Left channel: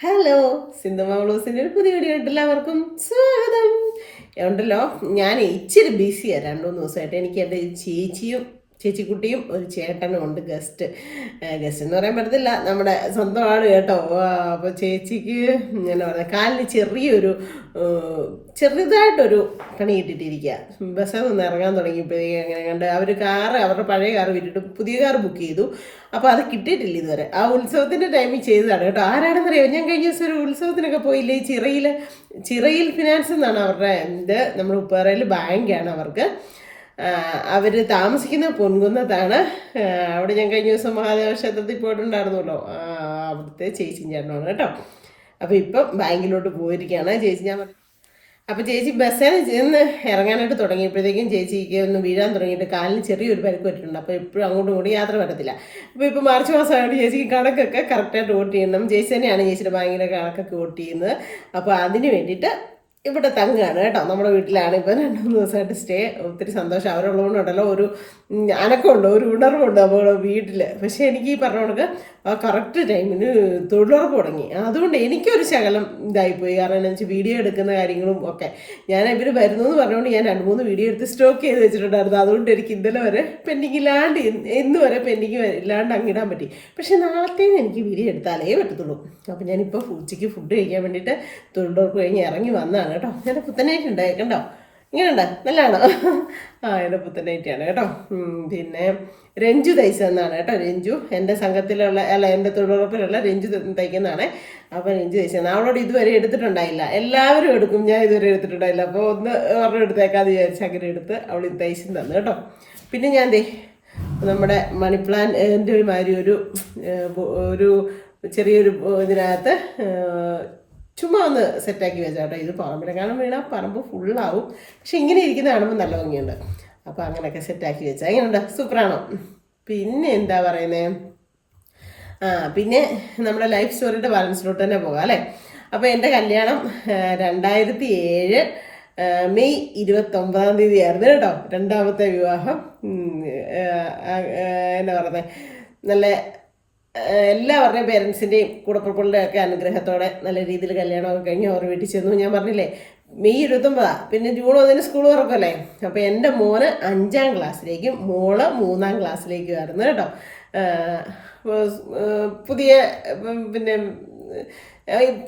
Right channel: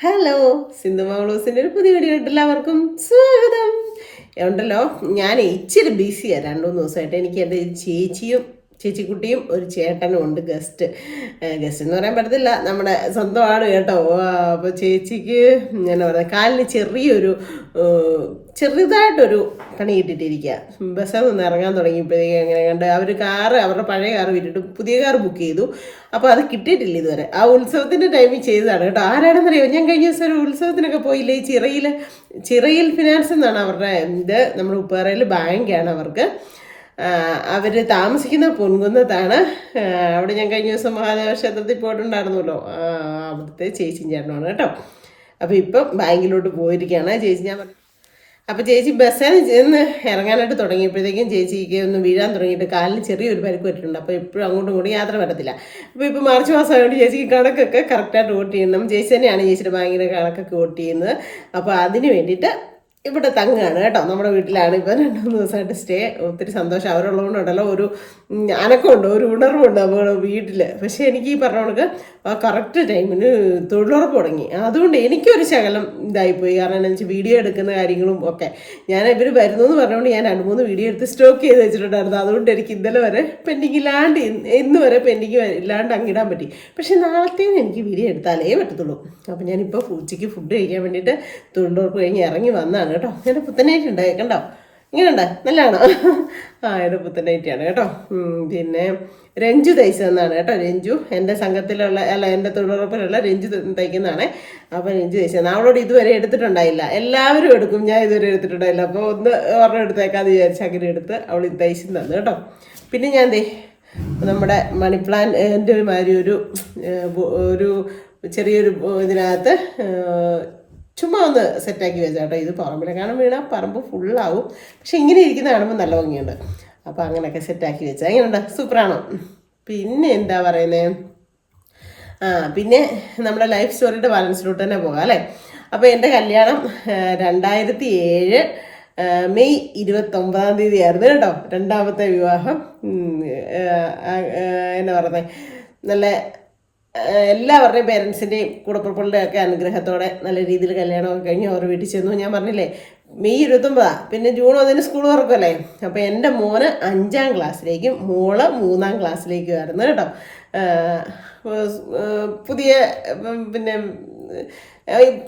Hello, Sindhu മംഗളൂസിൻ്റെ ഒരു പുതിയ video എല്ലാവർക്കും സ്വാഗതം. ഉണ്ടല്ലോ, ഞാൻ ഇച്ചിരി ബിസിയാണ് 2-3 ദിവസമായിട്ട്. എനിക്ക് എൻ്റെ ചേച്ചിക്കുട്ടിയും ഒരു ചേട്ടനും ഉണ്ട്. ഗസ്റ്റ് എന്ന് പറയാൻ പറ്റത്തില്ല, നമ്മുടെ സ്വന്തം ആള് കേട്ടോ. അപ്പോൾ ചേച്ചിക്ക് എന്നാ പറയുക, കാലിന് ചെറുതായിട്ടൊരു പണി കിട്ടിയിട്ടിരിക്കുക. ബസ്സിൽ നിന്ന് ഇറങ്ങാൻ തുടങ്ങിയപ്പോഴേക്കും എങ്ങനെ കണ്ട് അവരുടെ പഴയ കാറ് വിട്ടിട്ട് പുതിയ കാർ ബുക്ക് ചെയ്തു. അപ്പോൾ അത് കിട്ടിയിട്ടില്ല ഇതുവരെ. ആ ഉത്സവത്തിൻ്റെ ടൈമിൽ ചെയ്തതാണ് കേട്ടോ. ആരാണെന്നറിയോ, ഞാൻ കഴിഞ്ഞ ദിവസം ഒരു ഉത്സവത്തിനൊക്കെ പോയില്ലേ, ഈ ചിറയിൽ ഫിനാൻസ് എന്നാണ് അവരുടെ ഇത്. നമ്മുടെ ഉപ്പാറയിൽ ബാങ്കാണ് അവർക്ക്. അവർ താമസിക്കുന്ന പൊൻകുന്നത്താണ്. അവിടെ ഞാൻ കഴിഞ്ഞ ദിവസം മഹാദേവ ക്ഷേത്രത്തിൽ പോയിട്ടുണ്ടായിരുന്നല്ലോ. അവിടുത്തെ ചേച്ചിയും ചേട്ടനാണ് കേട്ടോ. അപ്പോൾ ഇപ്പം ബാങ്കിലോട്ട് പോയിരിക്കുകയാണ് ചേച്ചി. അപ്പോൾ ചേച്ചി ബസ്സിൽ ചെന്ന് ഇറങ്ങാനായിട്ട് തുടങ്ങിയപ്പോഴത്തേക്കും ചേച്ചിക്ക് ഒന്ന് വീഴാൻ തുടങ്ങിയിട്ട് കാലിന് ചെറിയൊരു പരിക്ക് പറ്റിയിട്ടുണ്ട്. അപ്പോൾ എപ്പോഴും അങ്ങോട്ടും ഇങ്ങോട്ടും യാത്ര പറ്റത്തില്ല. അപ്പോൾ ഇപ്പോൾ മാർച്ച് മാസമായതുകൊണ്ട് ചേച്ചിക്ക് കണക്കൊക്കെ കറക്റ്റായിട്ട് വോട്ട് ചെയ്യണം. ചേച്ചി തന്നെയാണ് ചേച്ചിയുടെ ബാങ്കിൻ്റെ കണക്കൊക്കെ വോട്ട് ചെയ്യുന്നത്. അപ്പോൾ അതിന് വേണ്ടിയിട്ട് ഇവിടെ തങ്ങുകയാണ് കേട്ടോ. നമ്മുടെ വീട്ടിലാണ് ഇപ്പം 2-3 ദിവസമായിട്ട് സ്റ്റേ. ഒത്തിരി സന്തോഷം. അവരുള്ളതുകൊണ്ടുണ്ടല്ലോ ഒരു അനക്കമുണ്ട്, ഒരു ഉണർവുണ്ട് നമ്മുടെ വീട്ടിൽ. പക്ഷേ എനിക്ക് ഈ പറഞ്ഞ കണക്ക് ആ കറക്റ്റ് ടൈമിന് തൊഴിലുറപ്പ് തുടങ്ങി. അതുകൊണ്ട് എനിക്കൊരു ശകലം ഇതായിപ്പോയി. കാരണം എന്താ വെച്ചാൽ വീഡിയോ എടുക്കുന്ന കാര്യങ്ങളും ഒക്കെ ഇവർ വരുന്നു എന്ന് പറഞ്ഞുകൊണ്ട് ഞാൻ 2-3 വീഡിയോ എടുത്ത് സ്റ്റോക്ക് ചെയ്ത് വെച്ചിട്ടുണ്ടായിരുന്നു. അതുകൊണ്ട് എനിക്ക് ഇന്നലെ വരെ പെൻഡിങ് ഇല്ലാണ്ട്, ഇന്ന് വരെ പെൻഡിങ് ഇല്ലാണ്ട് അങ്ങിടാൻ പറ്റി. പക്ഷേ നാളത്തേന്ന് എനിക്ക് വീഡിയോ എടുത്താലേ പറ്റത്തുള്ളൂ. അപ്പോൾ ഞാനിപ്പോൾ ഉച്ചയ്ക്ക് ഫുഡ് കഴിക്കാൻ വേണ്ടിയിട്ട് തൊഴിലുറപ്പ് കഴിഞ്ഞ് ഇറങ്ങി വന്നതാണ് കേട്ടോ. എൻ്റെ പുത്തനായിട്ട് ഉണ്ട് കണ്ടോ, ഇങ്ങനെയുണ്ട്, നല്ലതാണോ? എൻ്റെ പുത്തനായിട്ടാണ് കേട്ടോ. പിന്നെ രഞ്ജു തയ്ച്ചതെന്നാണ് കേട്ടോ. രഞ്ജു എൻ്റെ സംഘത്തിലുള്ള എൻ്റെ തൊഴിലുറപ്പിലുള്ള രഞ്ജു തയ്ക്കുന്നതാണ്. അപ്പോൾ രഞ്ജു തയ്ച്ചത് അവളോട് ഇതുവരെ എടുത്തിട്ടുണ്ടായില്ല. എല്ലാവരും എടുക്കും, ഞാൻ ഇതുവരെ എടുത്തിട്ടുണ്ടായില്ല. അപ്പോൾ ഒരെണ്ണം എടുത്തേക്കാതെ വിചാരിച്ച് അങ്ങനെ എടുത്ത് അവൾ ഇത് തയ്ച്ചു തന്നു കേട്ടോ. പിന്നെ ഞാൻ നമ്മുടെ മണി പ്ലാന്റിൻ്റെ മാതിരി ഒരു ചെറിയൊരു ഇതിനകത്ത് ചുമ്മാ ഒന്ന് സെറ്റാക്കി വെച്ചാട്ടോ. ഇത് പറമ്പിലെങ്ങാനും വീണാൽ പറമ്പ് ഫുള്ളാവും. പക്ഷെ ഇങ്ങനെ ഇരിക്കുന്ന കാണുമ്പോൾ നല്ല ഭംഗിയുണ്ട്. അപ്പോൾ അങ്ങനെയൊക്കെ സെറ്റാക്കി വെച്ചാൽ എങ്ങനെയുണ്ട്, സൂപ്പറാണോ? പിന്നെ എന്താ പറയുന്നത്, പിന്നെ നമ്മുടെ ലൈഫ് സ്റ്റോറിയുടെ ബാലൻസിലോട്ട് തന്നെ പോകാം അല്ലേ. അപ്പോൾ എൻ്റെ കല്യാണം 2007 മെയ് 29 ആയിരുന്നു കേട്ടോ. രണ്ടാമത്തെ വിവാഹം. എന്നാ പറയുന്നത്, നല്ല എല്ലാവരുടെയും പേരൻസിൻ്റെയും കൂടപ്പുറപ്പുകളുടെ ഒക്കെ അനുഗ്രഹത്തോടെ നല്ല രീതിയിൽ കല്യാണമൊക്കെ കഴിഞ്ഞ് അവർ വീട്ടിൽ ചെന്നു. ഞാൻ പറഞ്ഞില്ലേ മെയ് 29, പിന്നെ ജൂൺ 1 സ്കൂൾ തുറക്കല്ലേ. അപ്പോൾ എൻ്റെ മോന് 5ാം ക്ലാസ്സിലേക്കും മോള് 3ാം ക്ലാസ്സിലേക്കും ആയിരുന്നു കേട്ടോ. പുതിയ പിന്നെ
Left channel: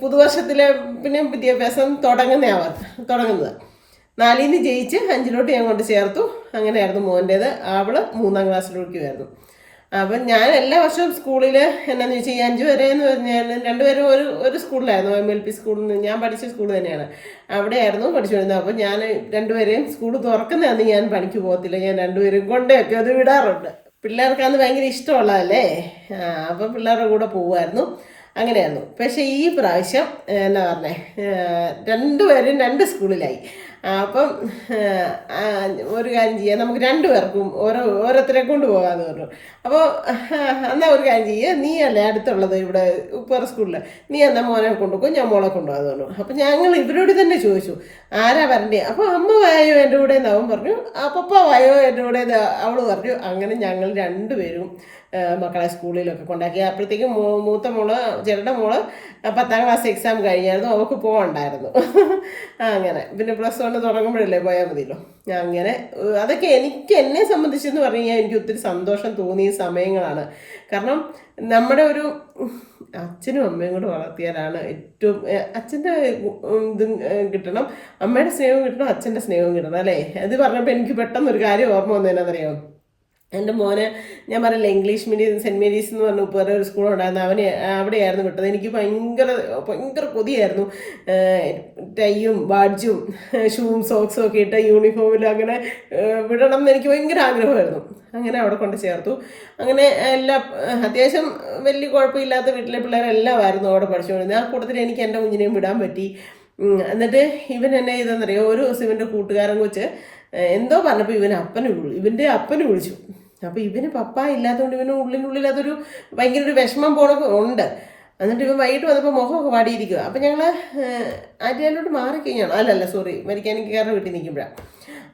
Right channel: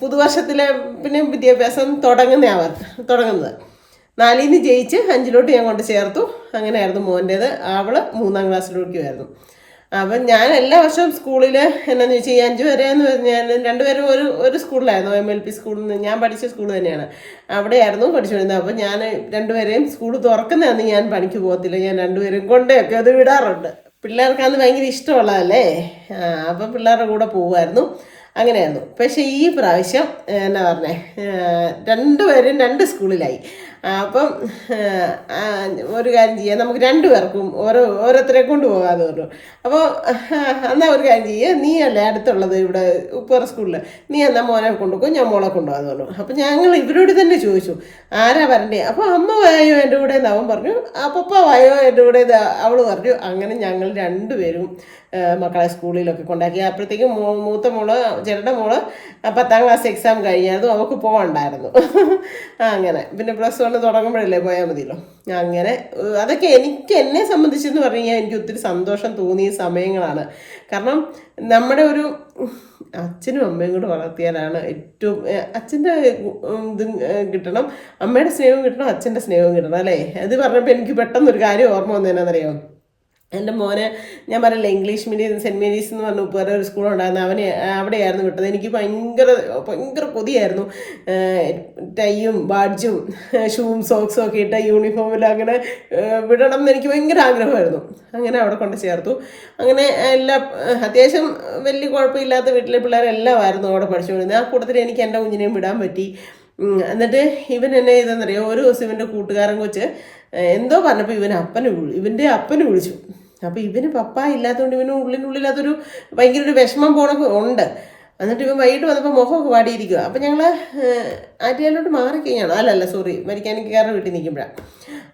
പുതുവർഷത്തിലെ പിന്നെ വിദ്യാഭ്യാസം തുടങ്ങുന്നത് 4-ന് ജയിച്ച് 5-ലോട്ട് ഞാൻ കൊണ്ട് ചേർത്തു. അങ്ങനെയായിരുന്നു മോൻ്റേത്. അവള് 3ാം ക്ലാസ്സിലോട്ടുമായിരുന്നു. അപ്പം ഞാൻ എല്ലാ വർഷവും സ്കൂളിൽ എന്നാന്ന് വെച്ചാൽ ഈ 5 വരെ എന്ന് പറഞ്ഞാൽ രണ്ടുപേരും ഒരു സ്കൂളിലായിരുന്നു. MLP സ്കൂളിൽ നിന്ന് ഞാൻ പഠിച്ച സ്കൂൾ തന്നെയാണ്, അവിടെയായിരുന്നു പഠിച്ചു വരുന്നത്. അപ്പം ഞാൻ രണ്ടുപേരെയും സ്കൂൾ തുറക്കുന്നതാണ് ഞാൻ പണിക്ക് പോകത്തില്ല. ഞാൻ രണ്ടുപേരും കൊണ്ടൊക്കെ അത് വിടാറുണ്ട്. പിള്ളേർക്ക് അത് ഭയങ്കര ഇഷ്ടമുള്ളതല്ലേ. അപ്പം പിള്ളേരുടെ കൂടെ പോകുമായിരുന്നു. അങ്ങനെയായിരുന്നു. പക്ഷേ ഈ പ്രാവശ്യം എന്നാ പറഞ്ഞേ, രണ്ടുപേരും 2 സ്കൂളിലായി. അപ്പം ഒരു കാര്യം ചെയ്യാം, നമുക്ക് 2 പേർക്കും ഓരോരുത്തരെ കൊണ്ട് പോകാമെന്ന് പറഞ്ഞു. അപ്പോൾ എന്നാൽ ഒരു കാര്യം ചെയ്യുക, നീ അല്ലേ അടുത്തുള്ളത് ഇവിടെ ഉപ്പറ സ്കൂളിൽ, നീ എന്നാൽ മോനെ കൊണ്ടുപോകും, ഞാൻ മോളെ കൊണ്ടുപോകാമെന്ന് പറഞ്ഞു. അപ്പം ഞങ്ങൾ ഇവരോട് തന്നെ ചോദിച്ചു ആരാ വരണ്ടേ. അപ്പോൾ അമ്മ വായോ എൻ്റെ കൂടെ എന്ന് അവൻ പറഞ്ഞു, പപ്പ വായോ എൻ്റെ കൂടെ അവൾ പറഞ്ഞു. അങ്ങനെ ഞങ്ങൾ 2 പേരും മക്കളെ സ്കൂളിലൊക്കെ കൊണ്ടാക്കി. അപ്പോഴത്തേക്കും മൂത്ത മോള് ചേട്ടൻ്റെ മോള് 10ാം ക്ലാസ് എക്സാം കഴിഞ്ഞായിരുന്നു, അവൾക്ക് പോകണ്ടായിരുന്നു. അങ്ങനെ പിന്നെ +1 തുടങ്ങുമ്പോഴല്ലേ പോയാൽ മതിയല്ലോ. അങ്ങനെ അതൊക്കെ എന്നെ സംബന്ധിച്ചെന്ന് പറഞ്ഞു കഴിഞ്ഞാൽ എനിക്ക് ഒത്തിരി സന്തോഷം തോന്നിയ സമയങ്ങളാണ്. കാരണം നമ്മുടെ ഒരു അച്ഛനും അമ്മയും കൂടെ വളർത്തിയാലാണ് ഏറ്റവും, അച്ഛൻ്റെ ഇത് കിട്ടണം, അമ്മയുടെ സ്നേഹവും കിട്ടണം, അച്ഛൻ്റെ സ്നേഹവും കിട്ടണം അല്ലേ. അത് പറഞ്ഞപ്പോൾ എനിക്ക് പെട്ടെന്നൊരു കാര്യം ഓർമ്മ വന്നതെന്നറിയാം. എൻ്റെ മോനെ ഞാൻ പറയില്ല, ഇംഗ്ലീഷ് മീഡിയം സെൻറ്റ് മേരീസ് എന്ന് പറഞ്ഞ വേറെ ഒരു സ്കൂളുണ്ടായിരുന്നു, അവിടെയായിരുന്നു വിട്ടത്. എനിക്ക് ഭയങ്കര കൊതിയായിരുന്നു ടൈയും ബാഡ്ജും ഷൂവും സോക്സും ഒക്കെ ഇട്ട് യൂണിഫോമിൽ അങ്ങനെ വിടണം എന്ന് എനിക്ക് ഭയങ്കര ആഗ്രഹമായിരുന്നു. അങ്ങനെ അവിടെ കൊണ്ട് ചേർത്തു. അങ്ങനെ അത്യാവശ്യം വലിയ കുഴപ്പമില്ലാത്ത വീട്ടിലെ പിള്ളേരെല്ലാം ആയിരുന്നു അവിടെ പഠിച്ചുകൊണ്ടിരുന്നത്. ആ കൂട്ടത്തിൽ എനിക്ക് എൻ്റെ കുഞ്ഞിനെയും വിടാൻ പറ്റി. എന്നിട്ട് ഇവൻ എന്നെ ചെയ്തെന്നറിയോ, ഒരു ദിവസം ഇവൻ്റെ കൂട്ടുകാരൻ കൊച്ച് എന്തോ പറഞ്ഞപ്പോൾ ഇവൻ്റെ അപ്പന് വിളിച്ചു. അപ്പോൾ ഇവന് പപ്പ ഇല്ലാത്തതുകൊണ്ട് ഇവന് ഉള്ളിനുള്ളിൽ അതൊരു ഭയങ്കര ഒരു വിഷമം ഉണ്ട്. എന്നിട്ട് ഇവൻ വൈകിട്ട് വന്നപ്പോൾ മുഖമൊക്കെ വാടിയിരിക്കുക. അപ്പോൾ ഞങ്ങൾ ആറ്റുകാലോട്ട് മാറിക്കഴിഞ്ഞാണ്, സോറി മെക്കാനിക്കാരുടെ വീട്ടിൽ നിൽക്കുമ്പോഴാണ്.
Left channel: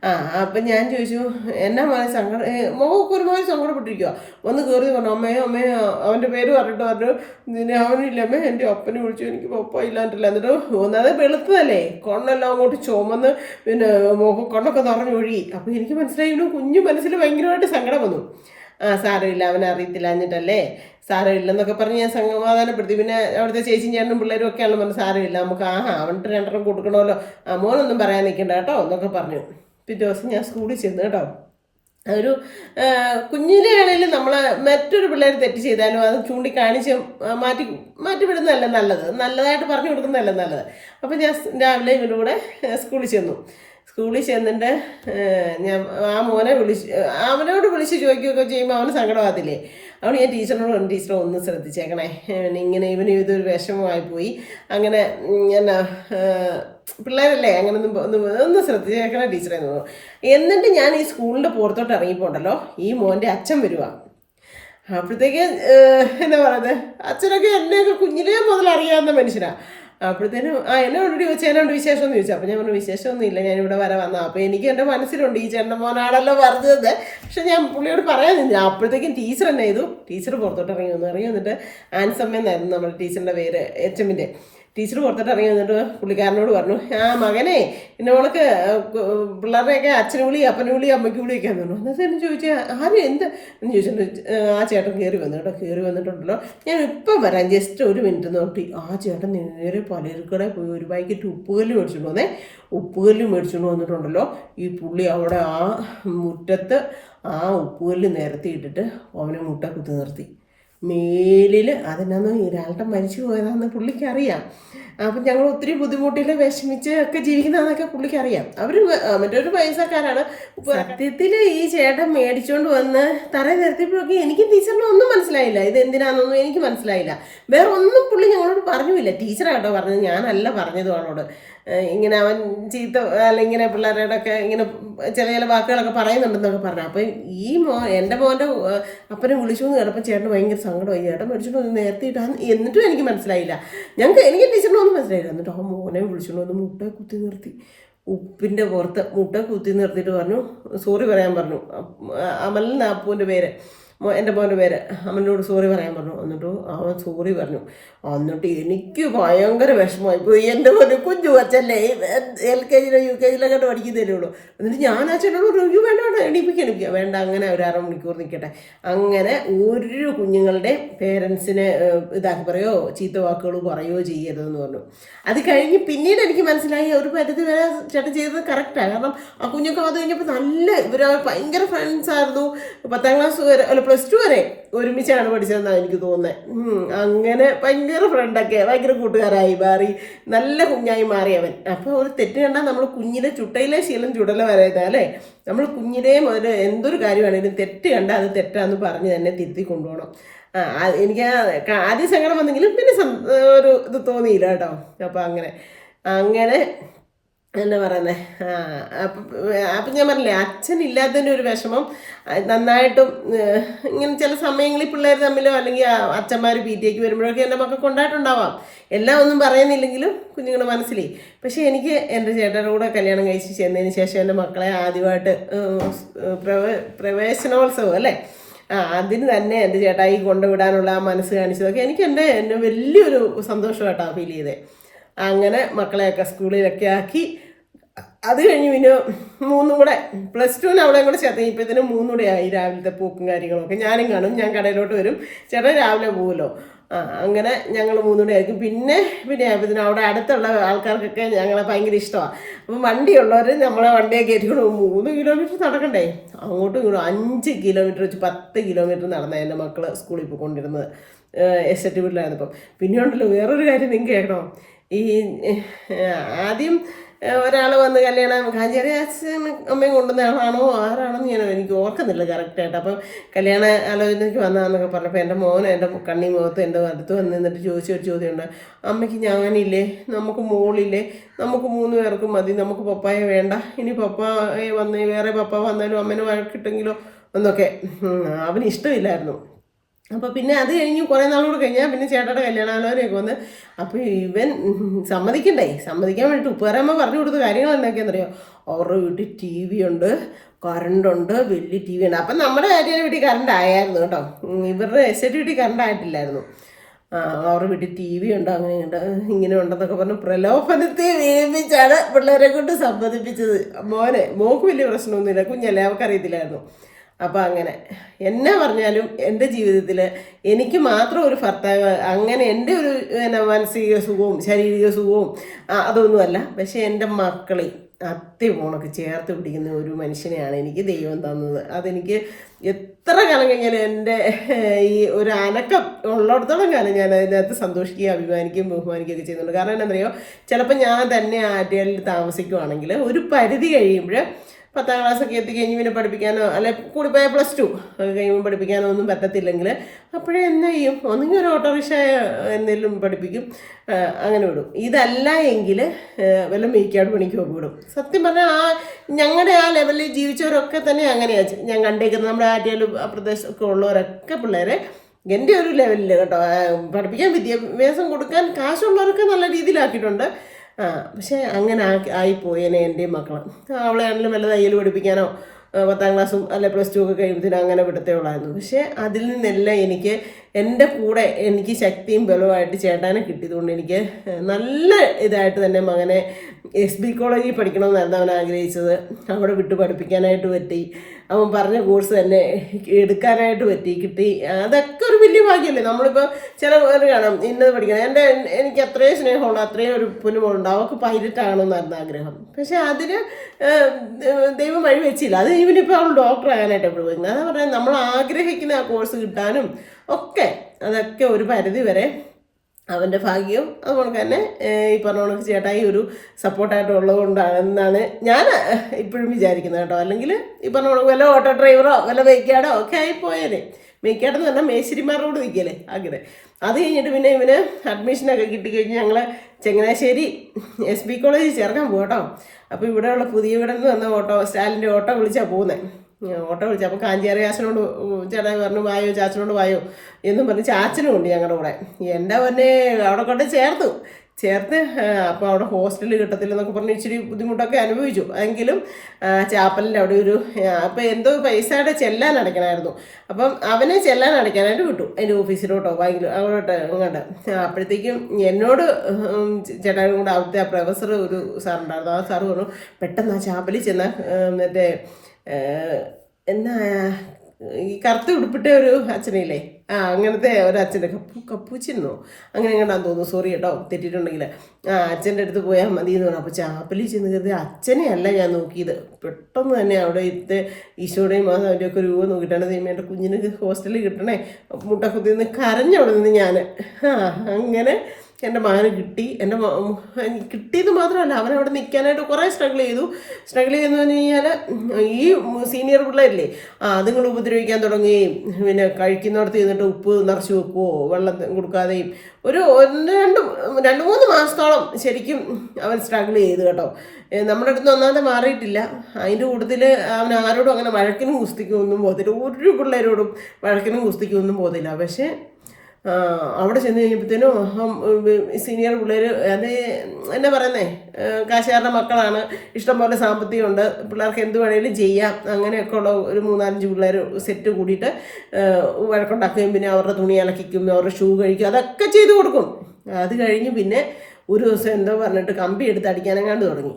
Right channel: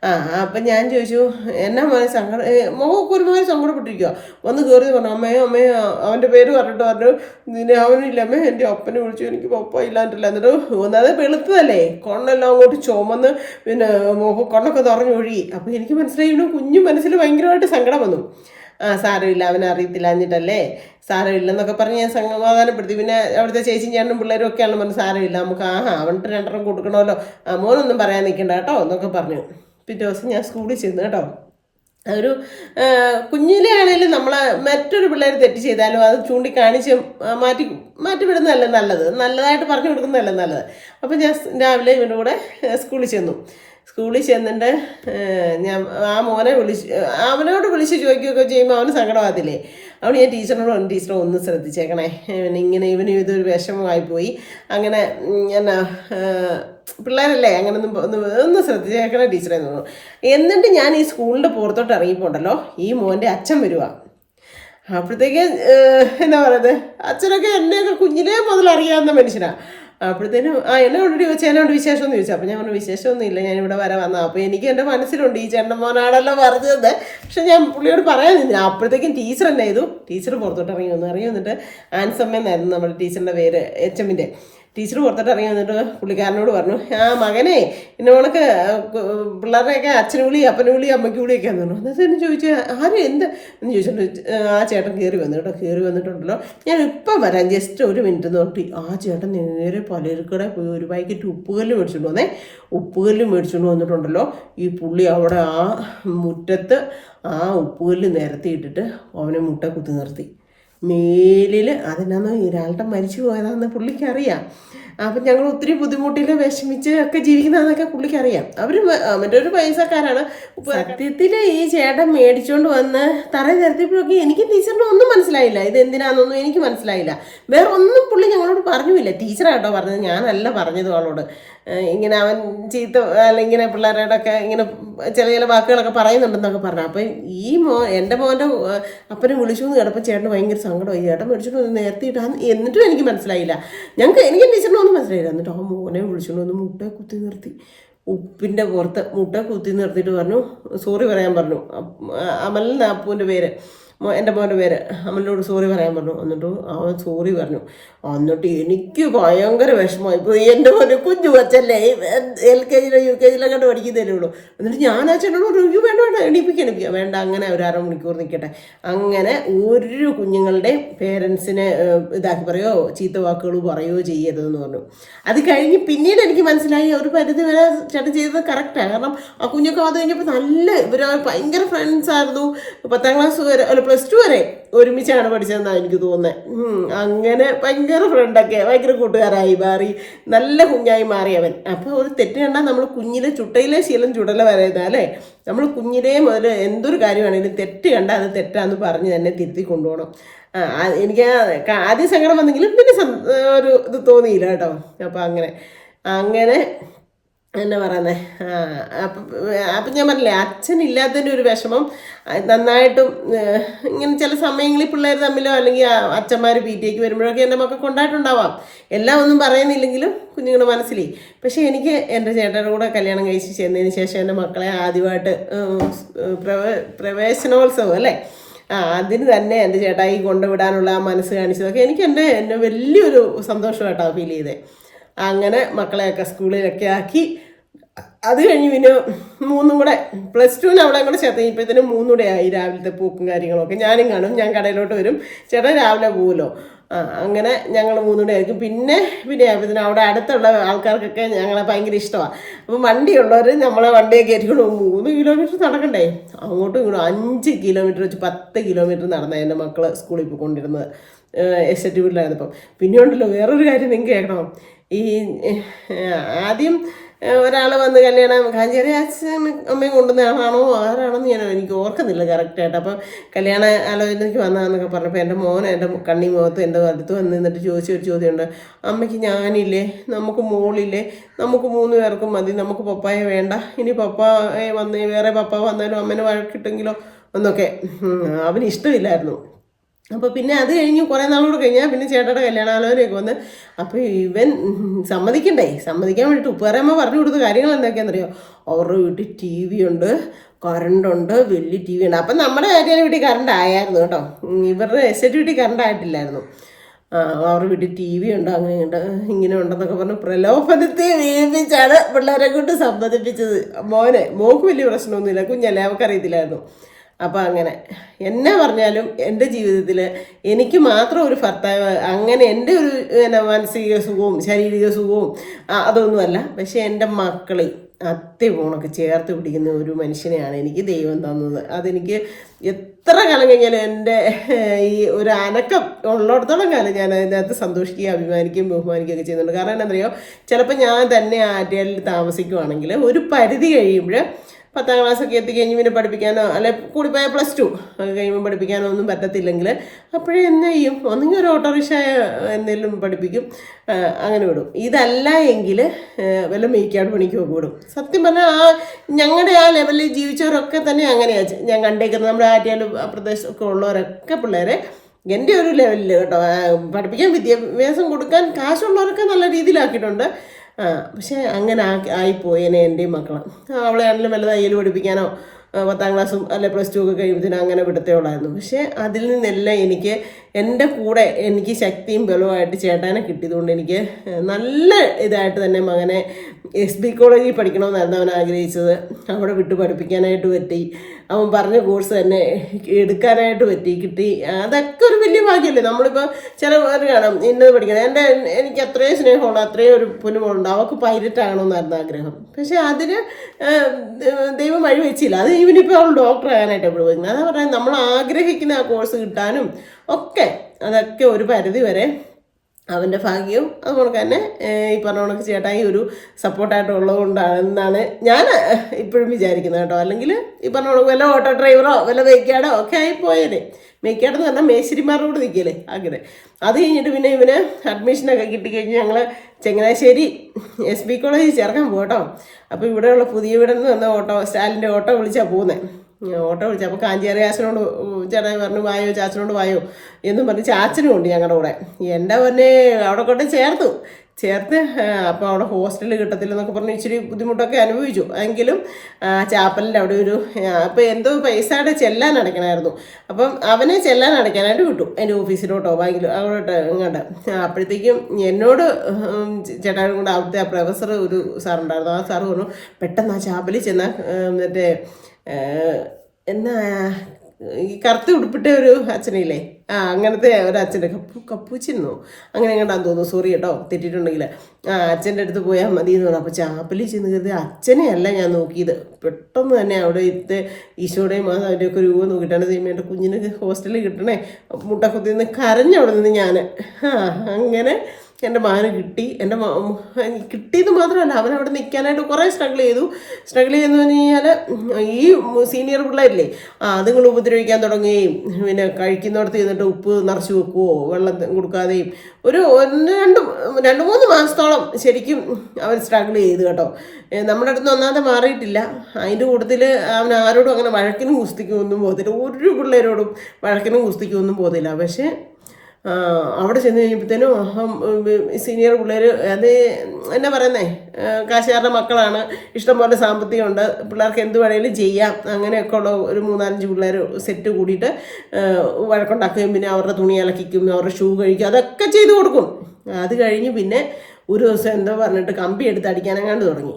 ആ അപ്പം ഞാൻ ചോദിച്ചു എന്നാ മോനെ സങ്കടം മുഖമൊക്കെ ഒരുമാതിരി സങ്കടപ്പെട്ടിരിക്കുക. വന്ന് കയറി പറഞ്ഞു അമ്മയോ അവൻ്റെ പേര് പറഞ്ഞിട്ട് പറഞ്ഞു നിന്നെ അവനില്ലമ്മേ എൻ്റെ അപ്പനെ വിളിച്ചു എനിക്ക് പപ്പ ഇല്ലാണ്ടില്ല. എന്നിട്ട് ഒന്നാതെ വെളുത്തതല്ലേ കൊണ്ണെല്ലാം അങ്ങോട്ട് ചുമന്ന് പിന്നെ കൊണ്ണൊക്കെ തുറഞ്ഞൊഴുകി. അപ്പം എനിക്ക് മനസ്സിലായിരുന്നു കുഞ്ഞു മനസ്സിൽ ഭയങ്കരമായിട്ട് സങ്കടം വന്നു. സാരമില്ല അവനെ അറിയത്തില്ല എന്നിട്ടല്ലേ സാരമില്ലെന്നൊക്കെ പറഞ്ഞ് ഞാൻ സമാധാനപ്പെടുത്തി. പിന്നെ അവിടുത്തെ ചേച്ചി ഞാനും പിള്ളേരും ഒക്കെയാണ് പറഞ്ഞു സാരമില്ല നമുക്ക് അവൻട്ട് 2 കൊടുക്കണമല്ലോ മോനൊന്നും പറയാൻ നിൽക്കണ്ട കേട്ടോ എന്നൊക്കെ പറഞ്ഞു. പിറ്റേ ദിവസം ഞാൻ സ്കൂളിൽ ചെന്ന് കേട്ടോ. അതൊരു കുഞ്ഞിലെ ആണെങ്കിലും നമ്മളെ മറ്റൊരു പിള്ളേർ തെറ്റ് ചെയ്താലും അത് ചൂണ്ടിക്കാണിച്ച് മാറ്റി നല്ലതായിട്ട് പറഞ്ഞു കൊടുക്കുന്നതല്ലേ നല്ലത്. അപ്പോൾ ഞാൻ രാവിലെ ഇവൻ്റെ കൂടെ സ്കൂളിൽ ചെന്നിട്ട് ഞാൻ അവനോട് വിളിച്ച് ചോദിക്കുകയൊക്കെ ചെയ്യുമ്പോൾ അവന് സങ്കടമാകത്തില്ലേ. അവിടെ ഞാൻ ടീച്ചറോ ഒന്ന് ശ്രദ്ധിച്ചേക്കണേ ഇങ്ങനെ ഇവന് ഇതൊരു വിഷമമായി പോയി അങ്ങനെ എന്നാ പിള്ളേരല്ലേ അങ്ങനെ ഒന്ന് ശ്രദ്ധിച്ചേക്കണേ ടീച്ചറെ എന്ന് പറഞ്ഞു. എന്നിട്ട് ഞാൻ ഈ സ്കൂളിൻ്റെ പുറത്തോട്ട് ഇറങ്ങിപ്പോണ്ടല്ലോ ഈ മോൻ്റെ അച്ഛൻ വരുവാ. അപ്പോഴത്തേക്ക് എന്നാ പറയുന്നത് അച്ഛനൊക്കെ എന്നെയൊക്കെ കുഞ്ഞിലേ മുതൽ അറിയാവുന്ന മനുഷ്യനാണ്. അപ്പോഴത്തേനും എന്നോട് വിശേഷമൊന്നും ചോദിച്ചു. അപ്പോൾ ഞാൻ പറഞ്ഞു വിശേഷമൊന്നും ഇല്ല ഞാനിവിടെ വന്ന. അപ്പോൾ എനിക്ക് എൻ്റെ മനസ്സിലുണ്ട് ഈ ചേട്ടൻ മോനാണല്ലോ പറഞ്ഞത്. പക്ഷെ ഞാൻ പുള്ളിയോട് പറയാൻ നിന്നില്ല. അപ്പോഴത്തേക്കും ടീച്ചർ എന്നെ ചെയ്തു. ടീച്ചർ പുറത്തോട്ട് ഇറങ്ങി വന്നിട്ട് ആൻസമ്മേന്നായിരുന്നു നമ്മുടെ ടീച്ചറിൻ്റെ പേര് HMൻ്റെ. ടീച്ചർ പുറത്തോട്ട് ഇറങ്ങി വന്നിട്ട് പുള്ളിക്കാരനോട് പറഞ്ഞു മകനെ ഇന്നോളൊക്കെ പിള്ളേരുടെയൊക്കെ അച്ഛനെ വിളി അപ്പനെ വിളി അമ്മയ്ക്ക് വിളിയൊക്കെയാന്ന് പറഞ്ഞു. എന്നിട്ട് ചോദിച്ചാൽ ആരും എന്ത് എന്ന് ചോദിച്ചിട്ട് ആ ചേട്ടൻ കയറി വന്നിട്ടുണ്ടല്ലോ ഞാൻ ഇപ്പം വരാം ജസ്റ്റ് 1 മിനിറ്റ് നോക്കി. ആ ചേട്ടൻ നേരെ പലചരക്കടയിൽ പോയി ഒരു പാക്കറ്റ് ഉപ്പുകല്ല് മേടിച്ചുകൊണ്ട് വന്നിട്ടുണ്ടല്ലോ. ഈ പുള്ളി അവിടെ ആ മുറ്റത്ത് ആ ഉപ്പുകല്ല് നിരത്തിയിട്ടിട്ട് അവനെ മുട്ട കുത്തി നിർത്തി. മേലിൽ അതിനാന്ന് ഒരാളുടെ മരിച്ചു പോയതാണെന്ന് പുള്ളിക്കറിയാം. അപ്പം ഞങ്ങൾ ഒത്തിരി ബുദ്ധിമുട്ടിൽ വിഷമിച്ച് ഒക്കെ ജീവിക്കുന്നതെന്നൊക്കെ പുള്ളിക്കറിയാം. അവർ മറ്റൊരു പൈസക്കാരാണ്. സത്യത്തിൽ ഈ ചേട്ടൻ മേടിച്ചുകൊണ്ട് വന്ന് തറയിൽ നിരത്തിയപ്പോഴൊക്കെ എനിക്ക് ടീച്ചറിന് ഒന്നും മനസ്സിലായില്ല. ഇത് എന്തിനാണെന്നൊന്നും എനിക്ക് മനസ്സിലായില്ല. വേറെ ഒന്നും പുള്ളി ഞങ്ങളോട് പറഞ്ഞുമില്ല. ടീച്ചറാട്ടോ പറഞ്ഞത്, ഞാനല്ല പറഞ്ഞത് അവളോട്. ഇങ്ങനെ അവൻ ചീത്ത അല്ല ഇങ്ങനെ പിള്ളേരോടൊക്കെ ഇങ്ങനെ ചില വാക്കുകളൊക്കെ പറയുന്നുണ്ടെന്നൊക്കെ പറഞ്ഞു. അപ്പം ഈ എൻ്റെ മോൻ്റെ അപ്പനെ വിളിച്ചു എന്ന് കേട്ടപ്പോൾ ചേട്ടന് ഭയങ്കര സങ്കടമായി. ചേട്ടൻ മേടിച്ചിട്ട് ഒന്ന് നേരത്തിയിട്ടാണ് എന്നിട്ടും എനിക്ക് മനസ്സിലായില്ല. എനിക്ക് ടീച്ചറിനൊന്നും മനസ്സിലായില്ല. എന്നിട്ട് ആ മോനെ വിളിച്ചുകൊണ്ട് വന്ന് മുട്ട കുത്തി നിർത്തി. ഉപ്പിൻ്റെ പുറത്ത് മുട്ട കുത്തി നിർത്തിയിട്ട് പറഞ്ഞു സോറി പറയാൻ പറഞ്ഞു. അമലിൻ്റെ അപ്പൂൻ്റെ പേര് എൻ്റെ മോൻ്റെ പേര് അമ്മനോട് സോറി പറയാൻ പറഞ്ഞു. എന്നിട്ട് അവൻ സോറി പറഞ്ഞു. എന്നിട്ട് എനിക്ക് ഭയങ്കര വിഷമമായി പോയി. എൻ്റെ മോന് കുഞ്ഞു കൊച്ചല്ലേ LKG UKG കണ്ട് പഠിക്കുന്നതേ ഉള്ളൂ. എന്നിട്ട് ഞാൻ ആ ചേട്ടനോട് വേണ്ട എണീപ്പിക്കുക വേണ്ട അങ്ങനെ ഒരു 1/2 മണിക്കൂർ നിൽക്കട്ടെ. അങ്ങനെ ഒരു കുഞ്ഞുങ്ങളുടെ പേരൻസിനെ ഇതാക്കി പറയോ ചീത്ത വാക്കുകൾ പറയോ ചെയ്യരുതെന്ന് പറഞ്ഞു. അത് കഴിഞ്ഞ് പിന്നീട് എനിക്ക് മനസ്സിലായി ഒരു പരിധി വരെ ചേട്ടൻ ചെയ്തത് കറക്റ്റാണ്. കാരണം ആ കുഞ്ഞൊക്കെ അത് കഴിഞ്ഞപ്പോൾ ഇവർ ഭയങ്കര ഫ്രണ്ട്സായിരുന്നു. 10ാം ക്ലാസ് വരെ +2 വരെ ഒരുമിച്ചാണ് പഠിച്ചതെന്നാണ് എനിക്ക് തോന്നുന്നത്. അങ്ങനെ ഭയങ്കര ഫ്രണ്ടൊക്കെ ഭയങ്കര കൂട്ടുകാരായി മാറി, നല്ല കുഞ്ഞായി മാറി അവൻ. അപ്പോൾ ഒരു തെറ്റ് കണ്ടാൽ നമ്മൾ കുഞ്ഞിലെ ചുട്ടയിലെ ശീലം ചുടല വരെയതാ അല്ലേ. നമ്മൾ കുഞ്ഞിലേ മുതൽ എന്തൊരു കാര്യമാണെങ്കിലും തെറ്റ് കണ്ടാൽ അത് തെറ്റാന്ന് പറഞ്ഞ് തന്നെ തിരുത്തി കൊണ്ടുപോകണം. എനിക്ക് ആദ്യം സങ്കടം വന്നെങ്കിലും പിന്നെ ഒരു ഇത് തോന്നിയില്ല കേട്ടോ. അപ്പം അങ്ങനെ എന്നാ പറയുന്നത് അപ്പം ഞാൻ പറഞ്ഞില്ലേ അച്ഛനില്ലാത്തതിൻ്റെ ഒരു വിഷമം നന്നായിട്ടും ഇങ്ങനെ ചില സമയങ്ങളിൽ പിള്ളേർ തമ്മിലോ അല്ലെങ്കിൽ അച്ഛന്മാർ PTAക്ക് വരുമ്പോഴൊക്കെ എൻ്റെ മക്കൾക്ക് ഉണ്ടായിട്ടുണ്ടാവാം. എല്ലാം ഒന്നും പറയുന്നില്ലെങ്കിലും കുഞ്ഞുങ്ങളുടെ മനസ്സിൽ. പക്ഷേ എനിക്ക് എൻ്റെ ചേട്ടൻ്റെ കൂടെ കല്യാണം കഴിച്ച് ചെന്നതിന് ശേഷം എൻ്റെ മക്കളെ ആദ്യമായിട്ട് പ്രവേശനോത്സവം അല്ലേ അതിന് തന്നെ എൻ്റെ ചേട്ടായി കൊണ്ടുവിടാനുള്ള ആ മനസ്സ് കാണിച്ചതൊക്കെ എനിക്ക് എൻ്റെ വലിയൊരു സന്തോഷമായിട്ടാണ് ഫീൽ ചെയ്തത്. അങ്ങനെ മക്കളെയൊക്കെ സ്കൂളിലൊക്കെ ആക്കി അത് കഴിഞ്ഞ് പിന്നെ 3 കൂടെ +2 അവളെ കൂടെ ചേർത്ത് ഇപ്പോഴത്തേന് 3 കൂടെ ആയി. രാവിലത്തെ പോക്കും കാര്യങ്ങളൊക്കെ ഞാനും കാണും. ഞാൻ കടയിലോട്ട് വരും, ചേട്ടൻ രാവിലെ പോകുമല്ലോ. അങ്ങനെ ഞങ്ങൾ 3 കൂടെ ആയിരിക്കും. പിന്നെ ആയപ്പോഴത്തേന് അവിടെ അടുത്തുള്ള ആൾക്കാർക്കൊക്കെ ഞങ്ങളെ ഭയങ്കര ഇഷ്ടമാണ്. അപ്പം വണ്ടിയുള്ളവർ നമ്മളെ വണ്ടിയൊക്കെ കയറ്റിക്കൊണ്ട് 3 കിലോമീറ്റർ നടക്കണ്ടേ അങ്ങോട്ടും ഇങ്ങോട്ടും 5 കിലോമീറ്റർ വെച്ച് 10 കിലോമീറ്റർ നടന്ന എൻ്റെ മക്കൾ സ്കൂളിൽ പോയിക്കൊണ്ടിരുന്നത് എസ്റ്റേറ്റ് വീട്ടിലായിരുന്നപ്പം. പിന്നെ ഉണ്ടല്ലോ വേറൊരു കാര്യം നിങ്ങൾക്ക് കേൾക്കണം. ഈ ആദ്യം ഒരാൾ വന്ന് കല്യാണം കാഞ്ചേരി അച്ഛൻ അമ്മയും കൊണ്ടുവന്ന ആളാണോ ആരാണെന്ന് എനിക്ക് ഓർക്കുന്നില്ല കറക്റ്റായിട്ട്. അപ്പം കല്യാണ ആലോചനയ്ക്ക് വന്നതാന്നൊക്കെ പറഞ്ഞപ്പോൾ എൻ്റെ എൻ്റെ കണ്ണി മുഖത്ത് എൻ്റെ അടുത്ത് വന്ന് നിന്നിട്ട് ചോദിച്ചൊരു ചോദ്യമുണ്ട്. അമ്മയ്ക്ക് ഞാനില്ലേ, നമുക്ക് മോളില്ലേ, നമുക്ക് 3 പേർക്കും മതി, നമുക്ക് പപ്പായ വേണ്ട, ഇനി പപ്പായ വേറെ പപ്പ വന്നാലും അമ്മേനെ വഴക്കിട്ടെങ്കിലോ എന്നൊക്കെ അവന് ഇഷ്ടമില്ലായിരുന്നു. അപ്പോൾ പിന്നെ അത് കഴിഞ്ഞ് കുറേ നാളുകൂടെ കഴിഞ്ഞാൽ പിന്നെ ചേട്ടയുടെ കല്യാണാലോചനയൊക്കെ വന്ന് അപ്പോൾ ഇവൻ സമ്മതിക്കണ്ടേ, സമ്മതിക്കാൻ വേണ്ടിയിട്ട് ഉപ്പുകാരമ്മ പറഞ്ഞു കൊടുത്ത കാര്യങ്ങൾ എന്തൊക്കെയാണെന്നറിയോ, അവരുടെ വീട്ടിൽ ടി വി ഉണ്ട്, കറണ്ടുണ്ട്, വലിയ ടി വി ഉണ്ട്. അപ്പം നമ്മുടെ വീട്ടിൽ കറണ്ട് ആയിരുന്നു കേട്ടോ, ഇവരുടെ എസ്റ്റേറ്റ് വീട്ടിൽ കറണ്ട് ആയിട്ടില്ലായിരുന്നു. അവരുടെ വീട്ടിൽ ടി വി ഉണ്ട്, അങ്ങനെയുണ്ട്, ഇങ്ങനെ ഉണ്ടെന്നൊക്കെ പറഞ്ഞ് പ്രലോഭനത്തെ വേവിച്ചാണ് പിള്ളേരെ കൊണ്ട് സമ്മതിപ്പിച്ചത്. മോക്ക് വലിയ പ്രശ്നമൊന്നുമില്ല, കുഞ്ഞല്ലേ, അവൾക്കറിയത്തില്ലായിരുന്നു. അപ്പം അങ്ങനെ എന്നെ പറഞ്ഞാലും എൻ്റെ ജീവിതത്തിൽ എനിക്ക് മാത്രം ഒരു ഭർത്താവ് അങ്ങനെ എൻ്റെ ഒരു മാനസിക സുഖവും ശാരീരിക സുഖവും അതൊന്നുമല്ല. പക്ഷേ എൻ്റെ മക്കളെ അത്യപോണൊക്കെ ചേർത്ത് പിടിക്കുന്ന ഒരു മനുഷ്യനെയാണ് എനിക്ക് ദൈവം തന്നത്. അതെനിക്ക് എത്ര കാലം കഴിഞ്ഞാലും എൻ്റെ ഈ ഒരു അനക്കം ഉള്ളിടത്തോളം കാലം ഞാൻ അതിനകത്ത് സന്തോഷിക്കുകയും അഭിമാനിക്കുകയും ബഹുമാനിക്കുകയൊക്കെ ചെയ്യുന്നുണ്ട്. കാരണം എന്താണെന്നറിയോ, ചിലപ്പോൾ ഞാൻ തന്നെ ആറ്റുകാലിൽ താമസിക്കുവാണെങ്കിൽ ഒരു പരിധി കഴിയുമ്പോൾ 10ാം ക്ലാസ്സൊക്കെ എത്തിക്കഴിഞ്ഞ് പിന്നെ പഠിപ്പിക്കാനോ അല്ലെ കൂടിപ്പോയാൽ +2 അത് കഴിയുമ്പോൾ പഠിപ്പിക്കാനോ ഒന്നും പറ്റത്തില്ലെങ്കിൽ അപ്പോഴേ എന്ത് ചെയ്യും, ഒന്നെങ്കിൽ ഒരു ഓട്ടോറിക്ഷ എന്തെങ്കിലും പഠിപ്പിക്കും, അങ്ങനെ വിടും. ഇതല്ല എങ്കിൽ വല്ല മേക്കാട് പണിക്ക് വിടും. സത്യം പറഞ്ഞാൽ ഞങ്ങളുടെ ആ ലെവലിൽ ജീവിച്ചവരൊക്കെ തന്നെ അങ്ങനെയാണ് ഞാൻ കണ്ടേക്കുന്നത്. നമ്മുടെ ആറ്റിയാലും ആ പ്രദേശമൊക്കെ ഉള്ളവരൊക്കെ പിള്ളേരെ എൻ്റെ ഒരു ലെവലിൽ കേട്ടോ പഠിപ്പിക്കാൻ വിദ്യാഭ്യാസം കൊടുക്കാൻ കാശുള്ളവരൊക്കെ നല്ല രീതിയിലാക്കിയിട്ടുണ്ട്. പക്ഷേ അങ്ങനെ ആയിപ്പോയേനെ എൻ്റെ മക്കൾ. അവളെ ആണെങ്കിലും വല്ല തയ്യൽ പഠിപ്പിക്കാനോ 10ാം ക്ലാസ്സും അല്ലെ +2 ഒക്കെ കഴിയുമ്പോഴത്തേനും അങ്ങനെ വിടത്തേ ഉള്ളായിരുന്നു. പക്ഷേ അതിൽ നിന്നെല്ലാം എനിക്ക് എൻ്റെ കൂടെ എനിക്ക് ശക്തിയും ബലവുമായിട്ട് ചേട്ടാനെ കിട്ടിയതുകൊണ്ട് എനിക്ക് നല്ല ഇതായിട്ട് തന്നെ മകനെ SB കോളേജിൽ പഠിക്കണമെന്നായിരുന്നു അവൻ ആഗ്രഹിച്ചത്. അവിടെ വിട്ട് പഠിപ്പിക്കാനായിട്ട് പറ്റി, അവൻ പറഞ്ഞ കോഴ്സ് തന്നെ എടുക്കാനായിട്ട് കിട്ടി. അതൊക്കെ ഒരു വലിയ ഭാഗ്യമല്ലേ. നമ്മളിപ്പോൾ ചിലവർ കാണാം ഇന്നത് പഠിക്കണം, എനിക്ക് അത്രയും സ്നേഹമുള്ള അത്രയും ഒരു പൊന്നുമോളുണ്ട്, അവൾക്ക് പൈലറ്റ് ആകണമെന്നായിരുന്നു ആഗ്രഹം. പക്ഷെ അതിന് ദൈവം വഴി വെച്ചില്ല. അത് ഇവനിപ്പോൾ അവൾ ഡോക്ടർ ആകാനായിട്ട് എപ്പോഴും പോകുന്നത്. അതാ പറയുന്നത്, നമ്മൾ ആഗ്രഹിക്കുന്ന ആ കോഴ്സ് കിട്ടാനും ഒക്കെ അതൊക്കെ ഒരു പരിധി വരെ അവൻ്റെ ഭാഗ്യവും അതുപോലെ തന്നെ ഈ പറഞ്ഞ കണക്ക് ചേട്ടായി ഒരു സപ്പോർട്ടായിട്ട് ഉള്ളത് കൊണ്ടാണെന്നാണ് ഞാൻ ഇപ്പോഴും വിചാരിക്കുന്നത് കേട്ടോ. അല്ലെങ്കിൽ ഈ പറഞ്ഞ കണക്ക് വല്ല ഓട്ടോ ഡ്രൈവറോ വല്ല മേക്കാടോ ഒക്കെ ആയിപ്പോയാലേ, മേക്കാടെന്ന് പറഞ്ഞാൽ മേശരിമാരോട് നിൽക്കല്ലേ അങ്ങനെ. അത് കഴിഞ്ഞിട്ട് പിന്നെ ഇവന് അഡ്മിഷനൊക്കെ കിട്ടിക്കഴിഞ്ഞ് ഞങ്ങൾ ചങ്ങനാശ്ശേരി SB കോളേജിൽ ചേർക്കാൻ പോകട്ടോ. അപ്പോൾ ഇവിടെയുള്ള പുതിയ ഇവിടെ നിന്ന് വന്ന സ്റ്റാലിൻ്റെ ഓട്ടോ വിളിച്ചാൽ പോകുന്നത്. ഓട്ടോ വിളിച്ചു. അപ്പോൾ കാഞ്ചേരി ചാച്ചനോട് ചേട്ടൻ പറഞ്ഞു വായോ, ചാച്ചനോട് വായോ എന്നും പറഞ്ഞ് ചാച്ചനും ഉണ്ട് ഞങ്ങളുടെ കൂടെ. എൻ്റെ പൊന്നെ അവിടെ കൊണ്ട് ചേർത്ത് അപ്പോൾ അവിടെ ഹോസ്റ്റലിൽ കിട്ടത്തില്ലെന്നൊക്കെ പറഞ്ഞ് ഇച്ചിരി ബുദ്ധിമുട്ടൊക്കെ അനുഭവിച്ചു. എങ്കിലും ചാപ്പലിൻ്റെ അവിടെ ഒരു അപ്പോൾ എന്തോ പൈസയുടെ ചെല്ലാൻ അടയ്ക്കണമായിരുന്നു. അപ്പം അവനെ ചെല്ലാൻ അടയ്ക്കാനായിട്ട് വിട്ടു എൻ്റെ ഓഫീസിലോട്ടോ ബാങ്കിലോ അങ്ങോട്ട് ഇങ്ങോട്ട്. അപ്പോഴത്തേക്കും എന്നോട് ചേട്ടാനും കൂടെ അവിടുത്തെ ആ പ്രൊഫസർ ഒരു സാറുണ്ടായിരുന്നു. ആ സാറ് പറഞ്ഞു പെട്ടെന്ന് ആ ചാപ്പലിൽ ചെന്നാൽ മറ്റേ എന്നാ ഈ കറുത്ത് ഉടുപ്പിട്ട ഒരു അച്ഛനില്ലേ, അങ്ങനത്തെ ഒരു അച്ഛൻ്റെ കപ്പൂച്ചിന്നോ അങ്ങനെ എങ്ങോട്ടാന്ന് തോന്നുന്നു, സോറി കേട്ടോ തെറ്റിയിട്ടുണ്ടെങ്കിൽ, അച്ഛൻ്റെ അടുത്ത് പോയാൽ മതി എന്ന് പറഞ്ഞു. അപ്പോൾ ചാപ്പലിൽ ചെന്ന് കരുതി അച്ഛനെ അല്ല ഞാൻ നോക്കിയത്. പെട്ടെന്ന് തന്നെ അവിടെ ഇത്തെ ഈശോയുടെയും മാതാവിൻ്റെ ഒക്കെ രൂപ നോക്കിയിട്ടാണ് ദൈവം എൻ്റെ കുഞ്ഞിന് ഹോസ്റ്റലിൽ കിട്ടണേ മുട്ടക്കുത്തി നിന്ന് കരഞ്ഞവിടെ നിന്ന് ഞാൻ. അങ്ങനെ എൻ്റെ മകന് കിട്ടി. കിട്ടിയത് മാത്രമല്ല, അവനവിടെ നിൽക്കാനായിട്ട് കുറേ സ്ട്രഗിൾ ചെയ്തെന്ന് പറഞ്ഞു കഴിഞ്ഞാൽ ഈ സീനിയർ പിള്ളേരില്ലേ അതുങ്ങൾ ഉപദ്രവിക്കാൻ തുടങ്ങുകയും പിന്നെ കഴിക്കുന്നിടത്ത് ഇരുന്നിട്ട് ഉപ്പ് നിറച്ച് വെക്കുവോ വെള്ളം കൊടുക്കാതെയും ഒരു 2-3 മാസത്തോളം ശരിക്കും അവൻ സ്ട്രഗിൾ ചെയ്തു കേട്ടോ. നമ്മുടെ അടുത്ത് ഒന്നാമത്തെ മാറിയിട്ടില്ല. അതിൻ്റെ കൂട്ടത്തിൽ അവൻ ആരോടും അങ്ങനെ വഴക്കിനും കുസ്തിക്കും ഒന്നും പോകത്തില്ല, ഒരു പിള്ളേരോടും വഴക്കിനും കുസ്തിക്കും ഒന്നും പോകത്തില്ല. പക്ഷേ അവിടെ ചെന്ന് കഴിഞ്ഞപ്പോഴത്തേനും സീനിയർ പിള്ളേർ അത് എന്നാ പറയുന്നേ, കാശുകാരുടെ മക്കളാണ്, ഇഷ്ടംപോലെ സാമ്പത്തികമുണ്ട്, പിള്ളേർക്ക് എന്ത് വേണേലും ചെയ്യാം, അങ്ങനെയൊക്കെ ഉള്ള ഒരു 3-5 പിള്ളേർ സെറ്റ് കൂടിയിട്ട് വഴക്കുണ്ടാക്കുകയും പിന്നെ അവരുടെ തുണി അലക്കിക്കും, അവരുടെ ഷൂ കഴിക്കും, അതൊക്കെ ചെയ്ത് കൊടുക്കും. അത് കഴിഞ്ഞ് പിന്നെ ഒരു ദിവസം എന്തോ പറഞ്ഞിട്ട് കമ്പി എടുത്ത് അടിക്കാനെങ്ങാണ്ട് തുടങ്ങി,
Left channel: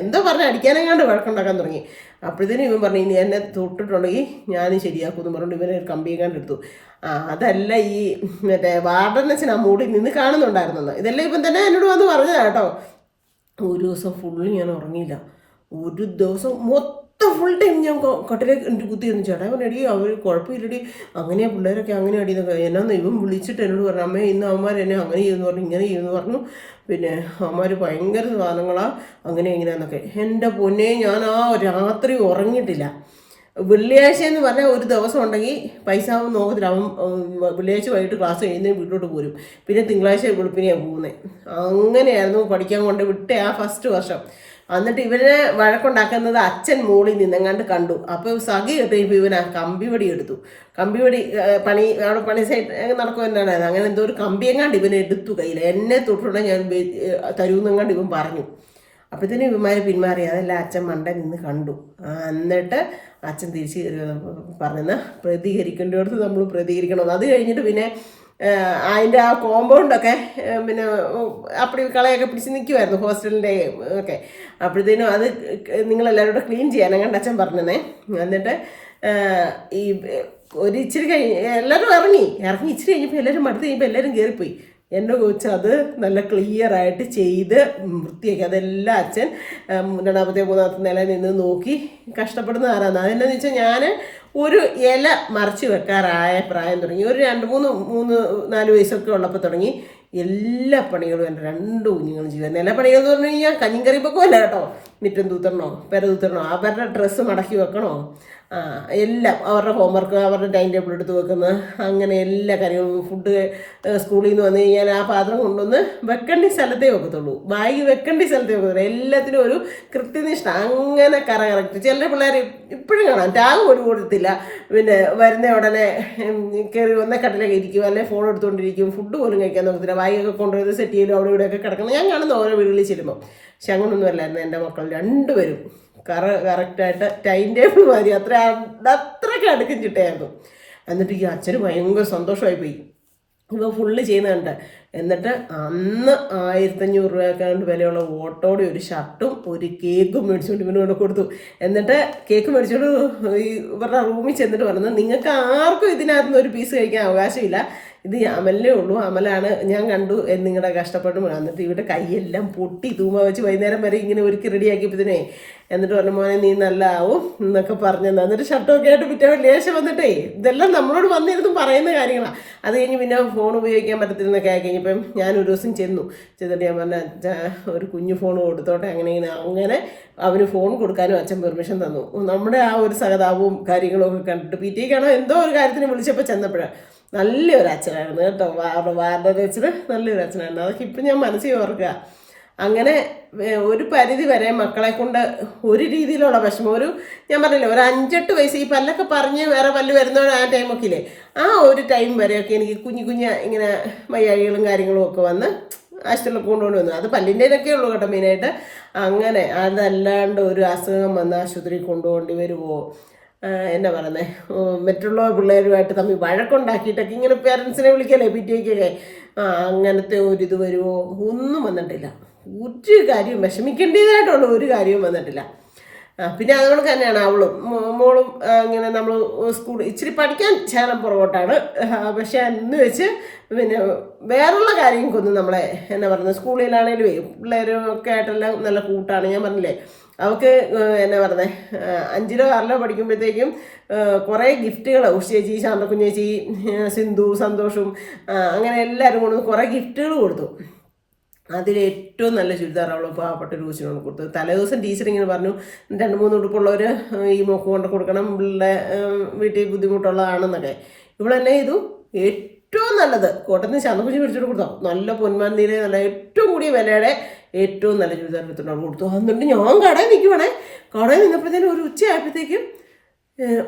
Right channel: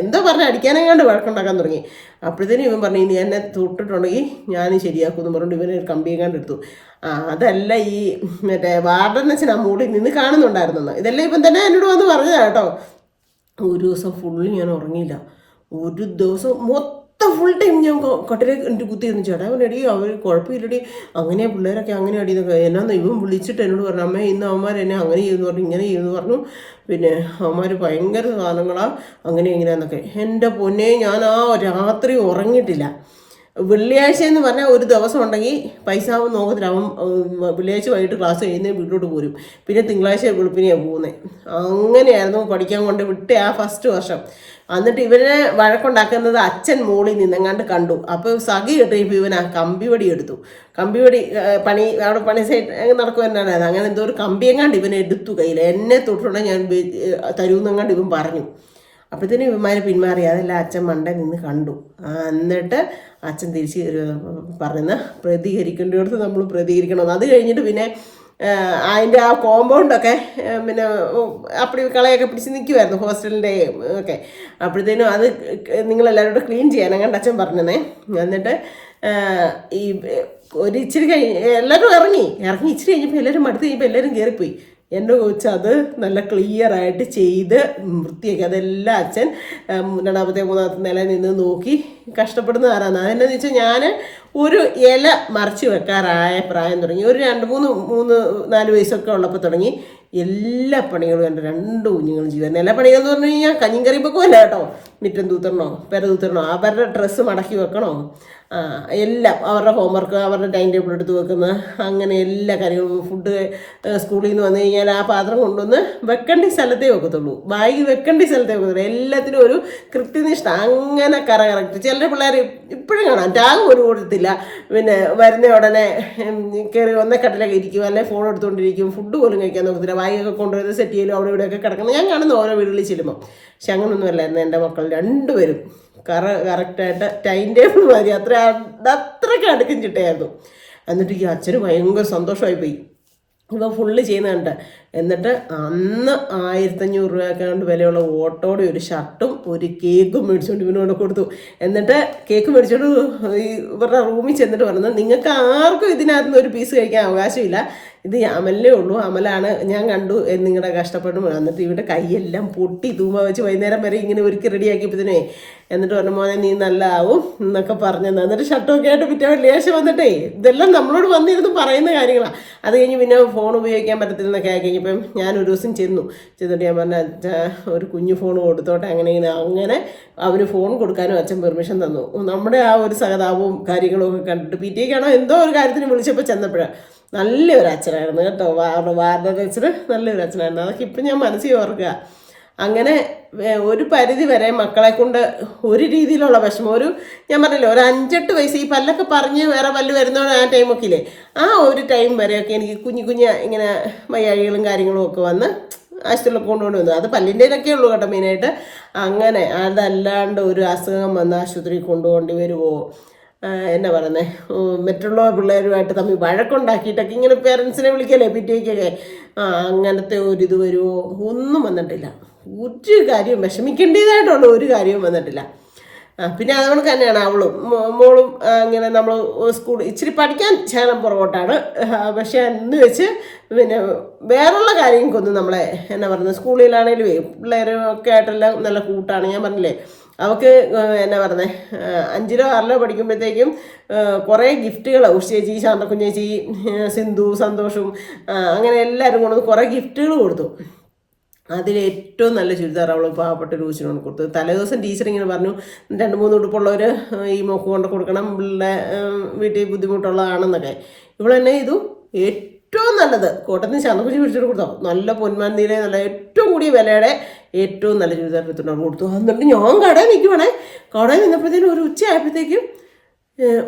എന്തോ പറഞ്ഞ് അടിക്കാനെങ്ങാണ്ട് വഴക്കുണ്ടാക്കാൻ തുടങ്ങി. അപ്പോഴത്തേനും ഇവൻ പറഞ്ഞു ഇനി എന്നെ തൊട്ടിട്ടുണ്ടെങ്കിൽ ഞാൻ ശരിയാക്കുമെന്ന് പറഞ്ഞുകൊണ്ട് ഇവനെ ഒരു കമ്പിയെങ്ങാണ്ട് എടുത്തു. അതല്ല ഈ മറ്റേ വാർഡനസിന് ആ മൂടി നിന്ന് കാണുന്നുണ്ടായിരുന്നെന്ന്. ഇതെല്ലാം ഇപ്പം തന്നെ എന്നോട് വന്ന് പറഞ്ഞതാണ് കേട്ടോ. ഒരു ദിവസം ഫുള്ള് ഞാൻ ഉറങ്ങിയില്ല. ഒരു ദിവസം ഫുൾ ടൈം ഞാൻ കട്ടിലേക്ക് എനിക്ക് കുത്തിയിരുന്നു. ചേട്ടാ അവനടി അവർ കുഴപ്പമില്ലടി, അങ്ങനെയാ പിള്ളേരൊക്കെ അങ്ങനെ അടിയെന്നൊക്കെ. എന്നാന്ന് ഇവൻ വിളിച്ചിട്ട് എന്നോട് പറഞ്ഞു അമ്മേ ഇന്ന് അവന്മാർ എന്നെ അങ്ങനെ ചെയ്യുമെന്ന് പറഞ്ഞു ഇങ്ങനെ ചെയ്യുമെന്ന് പറഞ്ഞു. പിന്നെ അവന്മാർ ഭയങ്കര സാധനങ്ങളാണ് അങ്ങനെ എങ്ങനെയാന്നൊക്കെ. എൻ്റെ പൊന്നെ ഞാൻ ആ രാത്രി ഉറങ്ങിയിട്ടില്ല. വെള്ളിയാഴ്ച എന്ന് പറഞ്ഞാൽ ഒരു ദിവസം ഉണ്ടെങ്കിൽ പൈസ ആവും നോക്കത്തില്ല. അവൻ വെള്ളിയാഴ്ച വൈകിട്ട് ക്ലാസ് കഴിയുന്നതിന് വീട്ടിലോട്ട് പോരും, പിന്നെ തിങ്കളാഴ്ച വെളുപ്പിനെയാണ് പോകുന്നത്. അങ്ങനെയായിരുന്നു പഠിക്കാൻ കൊണ്ട് വിട്ടേ ആ ഫസ്റ്റ് വർഷം. എന്നിട്ട് ഇവരെ വഴക്കുണ്ടാക്കുന്നത് അച്ഛൻ മോളിൽ നിന്നെങ്ങാണ്ട് കണ്ടു. അപ്പോൾ സഖി കെട്ടിയപ്പോൾ ഇവൻ ആ കമ്പിവടി എടുത്തു. കമ്പിവടി പണി അവിടെ പണി സൈഡ് നടക്കും എന്നാണ് അത്. അങ്ങനെ എന്തോ ഒരു കമ്പിയെങ്ങാണ്ട് ഇവനെ എടുത്തു കയ്യിൽ. എന്നെ തൊട്ടുള്ള ഞാൻ തരൂന്നെങ്ങാണ്ട് ഇവൻ പറഞ്ഞു. അപ്പോഴത്തേനും ഇവന്മാർ പിന്മാറി. അതെല്ലാം അച്ഛൻ മണ്ട നിന്ന് കണ്ടു. എന്നിട്ട് അച്ഛൻ തിരിച്ച് പറഞ്ഞെന്ന് പ്രതികരിക്കേണ്ടിടത്ത് നമ്മൾ പ്രതികരിക്കണം. അത് കഴിഞ്ഞിട്ട് പിന്നെ അതിൻ്റെ ആ കോമ്പൗണ്ടൊക്കെ പിന്നെ അപ്പടി കളയൊക്കെ പിടിച്ച് നിൽക്കുമായിരുന്നു ഹോസ്റ്റലിൻ്റെ ഒക്കെ. അപ്പോഴത്തേനും അത് നിങ്ങളെല്ലാവരും കൂടെ ക്ലീൻ ചെയ്യാൻ അങ്ങനെ അച്ഛൻ പറഞ്ഞതേ. എന്നിട്ട് ഈ ഒരു ഇച്ചിരി എല്ലാവരും ഇറങ്ങി ഇച്ചിരി കഴിഞ്ഞപ്പോൾ എല്ലാവരും മടുത്ത് കഴിഞ്ഞപ്പോൾ എല്ലാവരും കയറിപ്പോയി. എൻ്റെ കൊച്ച് അത് നല്ല ക്ലിയറായിട്ട് ചെയ്ത് വൃത്തിയാക്കി. അതെല്ലാം അച്ഛൻ രണ്ടാമത്തെ മൂന്നാമത്തെ നില നിന്ന് നോക്കി കഷ്ടപ്പെടുന്ന ആരാണ്. അതെന്താണെന്ന് വെച്ചാൽ ഞാൻ ഒരു ഇല മറിച്ച് വെക്കാറായ പ്രായം തുടങ്ങി. ഒരു 4 വയസ്സൊക്കെ ഉള്ളപ്പോൾ തുടങ്ങി എല്ലാ പണികളും എൻ്റെ 2 കുഞ്ഞുങ്ങളും ചെയ്യുമായിരുന്നു. എല്ലാ പണികൾ എന്ന് പറഞ്ഞു കഴിഞ്ഞാൽ കഞ്ഞിയും കറി വെക്കുമല്ല കേട്ടോ. മുറ്റം തൂത്തരണോ പെര തൂത്തരണോ അവരുടെ ഡ്രസ്സ് മടക്കി വെക്കണോ, എല്ലാം അവരുടെ ഹോംവർക്ക് അവരുടെ ടൈം ടേബിൾ എടുത്ത് വെക്കുന്നത്, അങ്ങനെ എല്ലാ കാര്യങ്ങളും. ഫുഡ് സ്കൂളിൽ നിന്ന് വന്നു കഴിഞ്ഞാൽ ആ പാത്രം കൊണ്ടുവന്ന് വെക്കേണ്ട സ്ഥലത്തേ വെക്കത്തുള്ളൂ, ബാഗ് വെക്കേണ്ട സ്ഥലത്തേ വെക്കത്തുള്ളൂ. എല്ലാത്തിനും ഒരു കൃത്യനിഷ്ഠ, അങ്ങനെ കറക്റ്റ്. ചില പിള്ളേർ ഇപ്പോഴും കാണാം ടാഗ് പോലും കൊടുത്തില്ല. പിന്നെ വരുന്ന ഉടനെ കയറി ഒന്നേ കട്ടിലൊക്കെ ഇരിക്കും, അല്ലെങ്കിൽ ഫോൺ എടുത്തുകൊണ്ടിരിക്കും, ഫുഡ് പോലും കഴിക്കാൻ നോക്കത്തില്ല. ബാഗൊക്കെ കൊണ്ടുവന്ന് സെറ്റ് ചെയ്യലും അവിടെ ഇവിടെയൊക്കെ കിടക്കണം. ഞാൻ കാണുന്ന ഓരോ വീടുകളിൽ ചെല്ലുമ്പോൾ. പക്ഷെ അങ്ങനൊന്നും അല്ലായിരുന്നു എൻ്റെ മക്കൾ 2 പേരും. കറക്റ്റായിട്ട് ടൈം ടേബിൾ മതി, അത്രയ്ക്ക് അടുക്കും ചിട്ടയായിരുന്നു. എന്നിട്ട് ഈ അച്ഛന് ഭയങ്കര സന്തോഷമായി ഇവ ഫുള്ള് ചെയ്യുന്നുണ്ട്. എന്നിട്ട് അന്ന് 1500 രൂപയ്ക്കാണ്ട് വിലയുള്ള ഓട്ടോടെ ഒരു ഷർട്ടും ഒരു കേക്കും മേടിച്ചുകൊണ്ട് ഇവന് കൊണ്ട് കൊടുത്തു. എന്നിട്ട് കേക്ക് മേടിച്ചോണ്ട് ഇവരുടെ റൂമിൽ ചെന്നിട്ട് പറഞ്ഞു, നിങ്ങൾക്ക് ആർക്കും ഇതിനകത്തുനിന്ന് ഒരു പീസ് കഴിക്കാൻ അവകാശമില്ല, ഇത് അമലിനേ ഉള്ളൂ, അമലാണ് ഞാൻ കണ്ടു നിങ്ങളുടെ കഷ്ടപ്പെടും. എന്നിട്ട് ഇവിടെ കൈയെല്ലാം പൊട്ടി തൂമ വെച്ച് വൈകുന്നേരം വരെ ഇങ്ങനെ ഒരുക്കി റെഡിയാക്കിയപ്പോഴത്തേനെ എന്നിട്ട് പറഞ്ഞു, മോനെ നീ നല്ല ആവും എന്നൊക്കെ പറഞ്ഞത്. എന്നിട്ട് ഷർട്ടൊക്കെ ആയിട്ട് പിറ്റേ വെള്ളിയാഴ്ച വന്നിട്ടേ ഇതെല്ലാം നമ്മളോട് വന്നിരുന്നു പറയുന്ന കാര്യങ്ങളാണ്. അത് കഴിഞ്ഞ് പിന്നെ ഫോൺ ഉപയോഗിക്കാൻ പറ്റത്തില്ലെന്നൊക്കെ ആയി കഴിഞ്ഞപ്പം ഞാൻ ഒരു ദിവസം ചെന്നിട്ട് ഞാൻ പറഞ്ഞ ഒരു കുഞ്ഞു ഫോൺ കൊടുത്തോട്ടെ, അങ്ങനെ അവന് ഫോൺ കൊടുക്കാനും അച്ഛൻ പെർമിഷൻ തന്നു. നമ്മുടെ ആ ഒരു സഹതാപവും കാര്യങ്ങളും ഒക്കെ കണ്ടിട്ട് പിറ്റേക്കാണോ എന്തോ ഒരു കാര്യത്തിന് വിളിച്ചപ്പോൾ ചെന്നപ്പോഴാണ് നല്ലൊരു അച്ഛനായിരുന്നു കേട്ടോ. വാർഡൻ ടീച്ചർ നല്ലൊരു അച്ഛനായിരുന്നു. അതൊക്കെ ഇപ്പം ഞാൻ മനസ്സിൽ ഓർക്കുക. അങ്ങനെ ഒരു പരിധി വരെ മക്കളെ കൊണ്ട് ഒരു രീതിയിലുള്ള വിഷമം, ഞാൻ പറഞ്ഞില്ലേ ഒരു 5-8 വയസ്സ് ഈ പല്ലൊക്കെ പറഞ്ഞ് വേറെ പല്ല് വരുന്നതാണ് ആ ടൈമൊക്കെ ഇല്ലേ, ആ ഒരു ടൈം വരെയൊക്കെ എനിക്ക് കുഞ്ഞു ഇങ്ങനെ വയ്യാഴികളും കാര്യങ്ങളും ഒക്കെ വന്ന് ആശുപത്രിയിലൊക്കെ കൊണ്ടുകൊണ്ട് വന്നു. അത് പല്ലിൻ്റെതൊക്കെ ഉള്ളൂ കേട്ടോ മെയിനായിട്ട്. അങ്ങനെ അതല്ലാണ്ട് ഒരു അസുഖം വന്ന് ആശുപത്രിയിൽ കൊണ്ടുപോകേണ്ടി വരുമോ, എന്നാ പറയുന്നത്, മറ്റുള്ള പിള്ളേരുമായിട്ട് തമ്മിൽ വഴക്കുണ്ടാക്കിയിട്ടൊക്കെ ഇങ്ങനെ പേരൻസിനെ വിളിക്കല്ലേ പിറ്റേക്കൊക്കെ, അങ്ങനത്തെ ഒരിത് വരുമോ, ഒന്നും വന്നിട്ടില്ല. ഒരു കാര്യവും വിഷമിക്കേണ്ടതായിട്ടുള്ള ഒരു കാര്യവും വന്നിട്ടില്ല. പിന്നെ അതുകൊണ്ട് തന്നെയാണ് മോളും ഇങ്ങനെ നമ്മൾ സ്കൂൾ ഇച്ചിരി പഠിക്കാൻ ശകലം പുറകോട്ടാണ്. പക്ഷെ എന്ന് വെച്ച് പിന്നെ വേറുള്ള കാര്യങ്ങൾക്കൊന്നും നമ്മളെ എന്നാ പറയുന്നത്, സ്കൂളിലാണേലും പിള്ളേരൊക്കെ ആയിട്ടെല്ലാം നല്ല കൂട്ടാണ്. ഞാൻ പറഞ്ഞില്ലേ അവൾക്ക് എന്നാ പറയുന്നത് 5-ലോ 6-ലോ പഠിക്കുമ്പോഴത്തേക്കും കുറേ ഗിഫ്റ്റുകൾ ഉഷേച്ചി, ശാന്തക്കുഞ്ഞേച്ചി, സിന്ധു, സന്തോഷും അങ്ങനെ എല്ലാവരും കൊണ്ടുവന്ന് കുറേ ഗിഫ്റ്റുകൾ കൊടുത്തു. അതിലേറ്റവും നല്ല ചുരിദാർ അവൾ പാവപ്പെട്ടൊരു കൊച്ചിനോട് കൊടുത്തു. തലേദിവസം ടീച്ചർ ഇങ്ങനെ പറഞ്ഞു, 2-3 ഉടുപ്പുള്ളവർ ഈ മോക്ക് കൊണ്ട് കൊടുക്കണം, പിള്ളേരുടെ വീട്ടിൽ ബുദ്ധിമുട്ടുള്ളതാണെന്നൊക്കെ. ഇവളെന്നെ ചെയ്തു ഏറ്റവും നല്ലത് കോട്ടത്തിന് ശാന്തക്കുഞ്ഞി പിടിച്ചിട്ട് കൊടുത്തോ, നല്ല പൊന്മാന്തിയിലെ നല്ല ഏറ്റവും കൂടിയ വിലയുടെ ഏറ്റവും നല്ല ചുരിദാർ എടുത്തിട്ട് കൊടുത്തു. എന്നിട്ട് ഞാൻ കടയിൽ നിൽക്കുവാണേ. കടയിൽ നിന്നപ്പോഴത്തേനും ഒരു ഉച്ചയായപ്പോഴത്തേക്കും,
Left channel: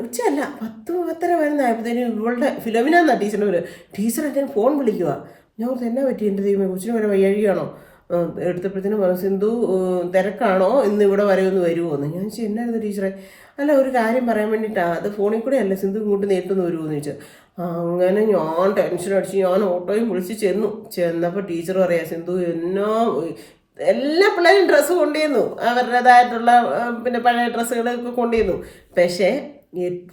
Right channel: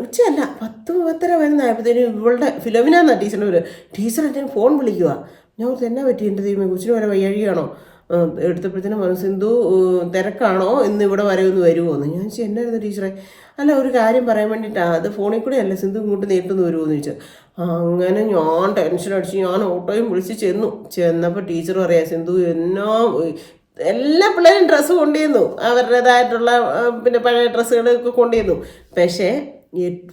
ഉച്ചയല്ല 10-10:30 വരുന്നതായപ്പോഴത്തേനും ഇവളുടെ ഫിലോമിനാന്നാ ടീച്ചറിൻ്റെ പേര്, ടീച്ചർ എൻ്റെ ഫോൺ വിളിക്കുക. ഞാൻ എന്നാ പറ്റി എൻ്റെ ദൈവമേ കൊച്ചിന് വരെ വയ്യാഴിയാണോ, എടുത്തപ്പോഴത്തേനും പറഞ്ഞു സിന്ധു തിരക്കാണോ ഇന്ന് ഇവിടെ വരെ ഒന്ന് വരുമോ എന്ന്. ഞാൻ ചോദിച്ചു എന്നായിരുന്നു ടീച്ചറെ, അല്ല ഒരു കാര്യം പറയാൻ വേണ്ടിയിട്ടാണ്, അത് ഫോണിൽ കൂടെ അല്ല സിന്ധു ഇങ്ങോട്ട് നേരിട്ടൊന്ന് വരുമോ എന്ന് ചോദിച്ചു. അങ്ങനെ ഞാൻ ടെൻഷൻ അടിച്ച് ഞാൻ ഓട്ടോയും വിളിച്ച് ചെന്നപ്പോൾ ടീച്ചർ പറയാം, സിന്ധു എല്ലാ പിള്ളേരും ഡ്രസ്സ് കൊണ്ടുവന്നു, അവരുടേതായിട്ടുള്ള പിന്നെ പഴയ ഡ്രസ്സുകളൊക്കെ കൊണ്ടുവന്നു. പക്ഷേ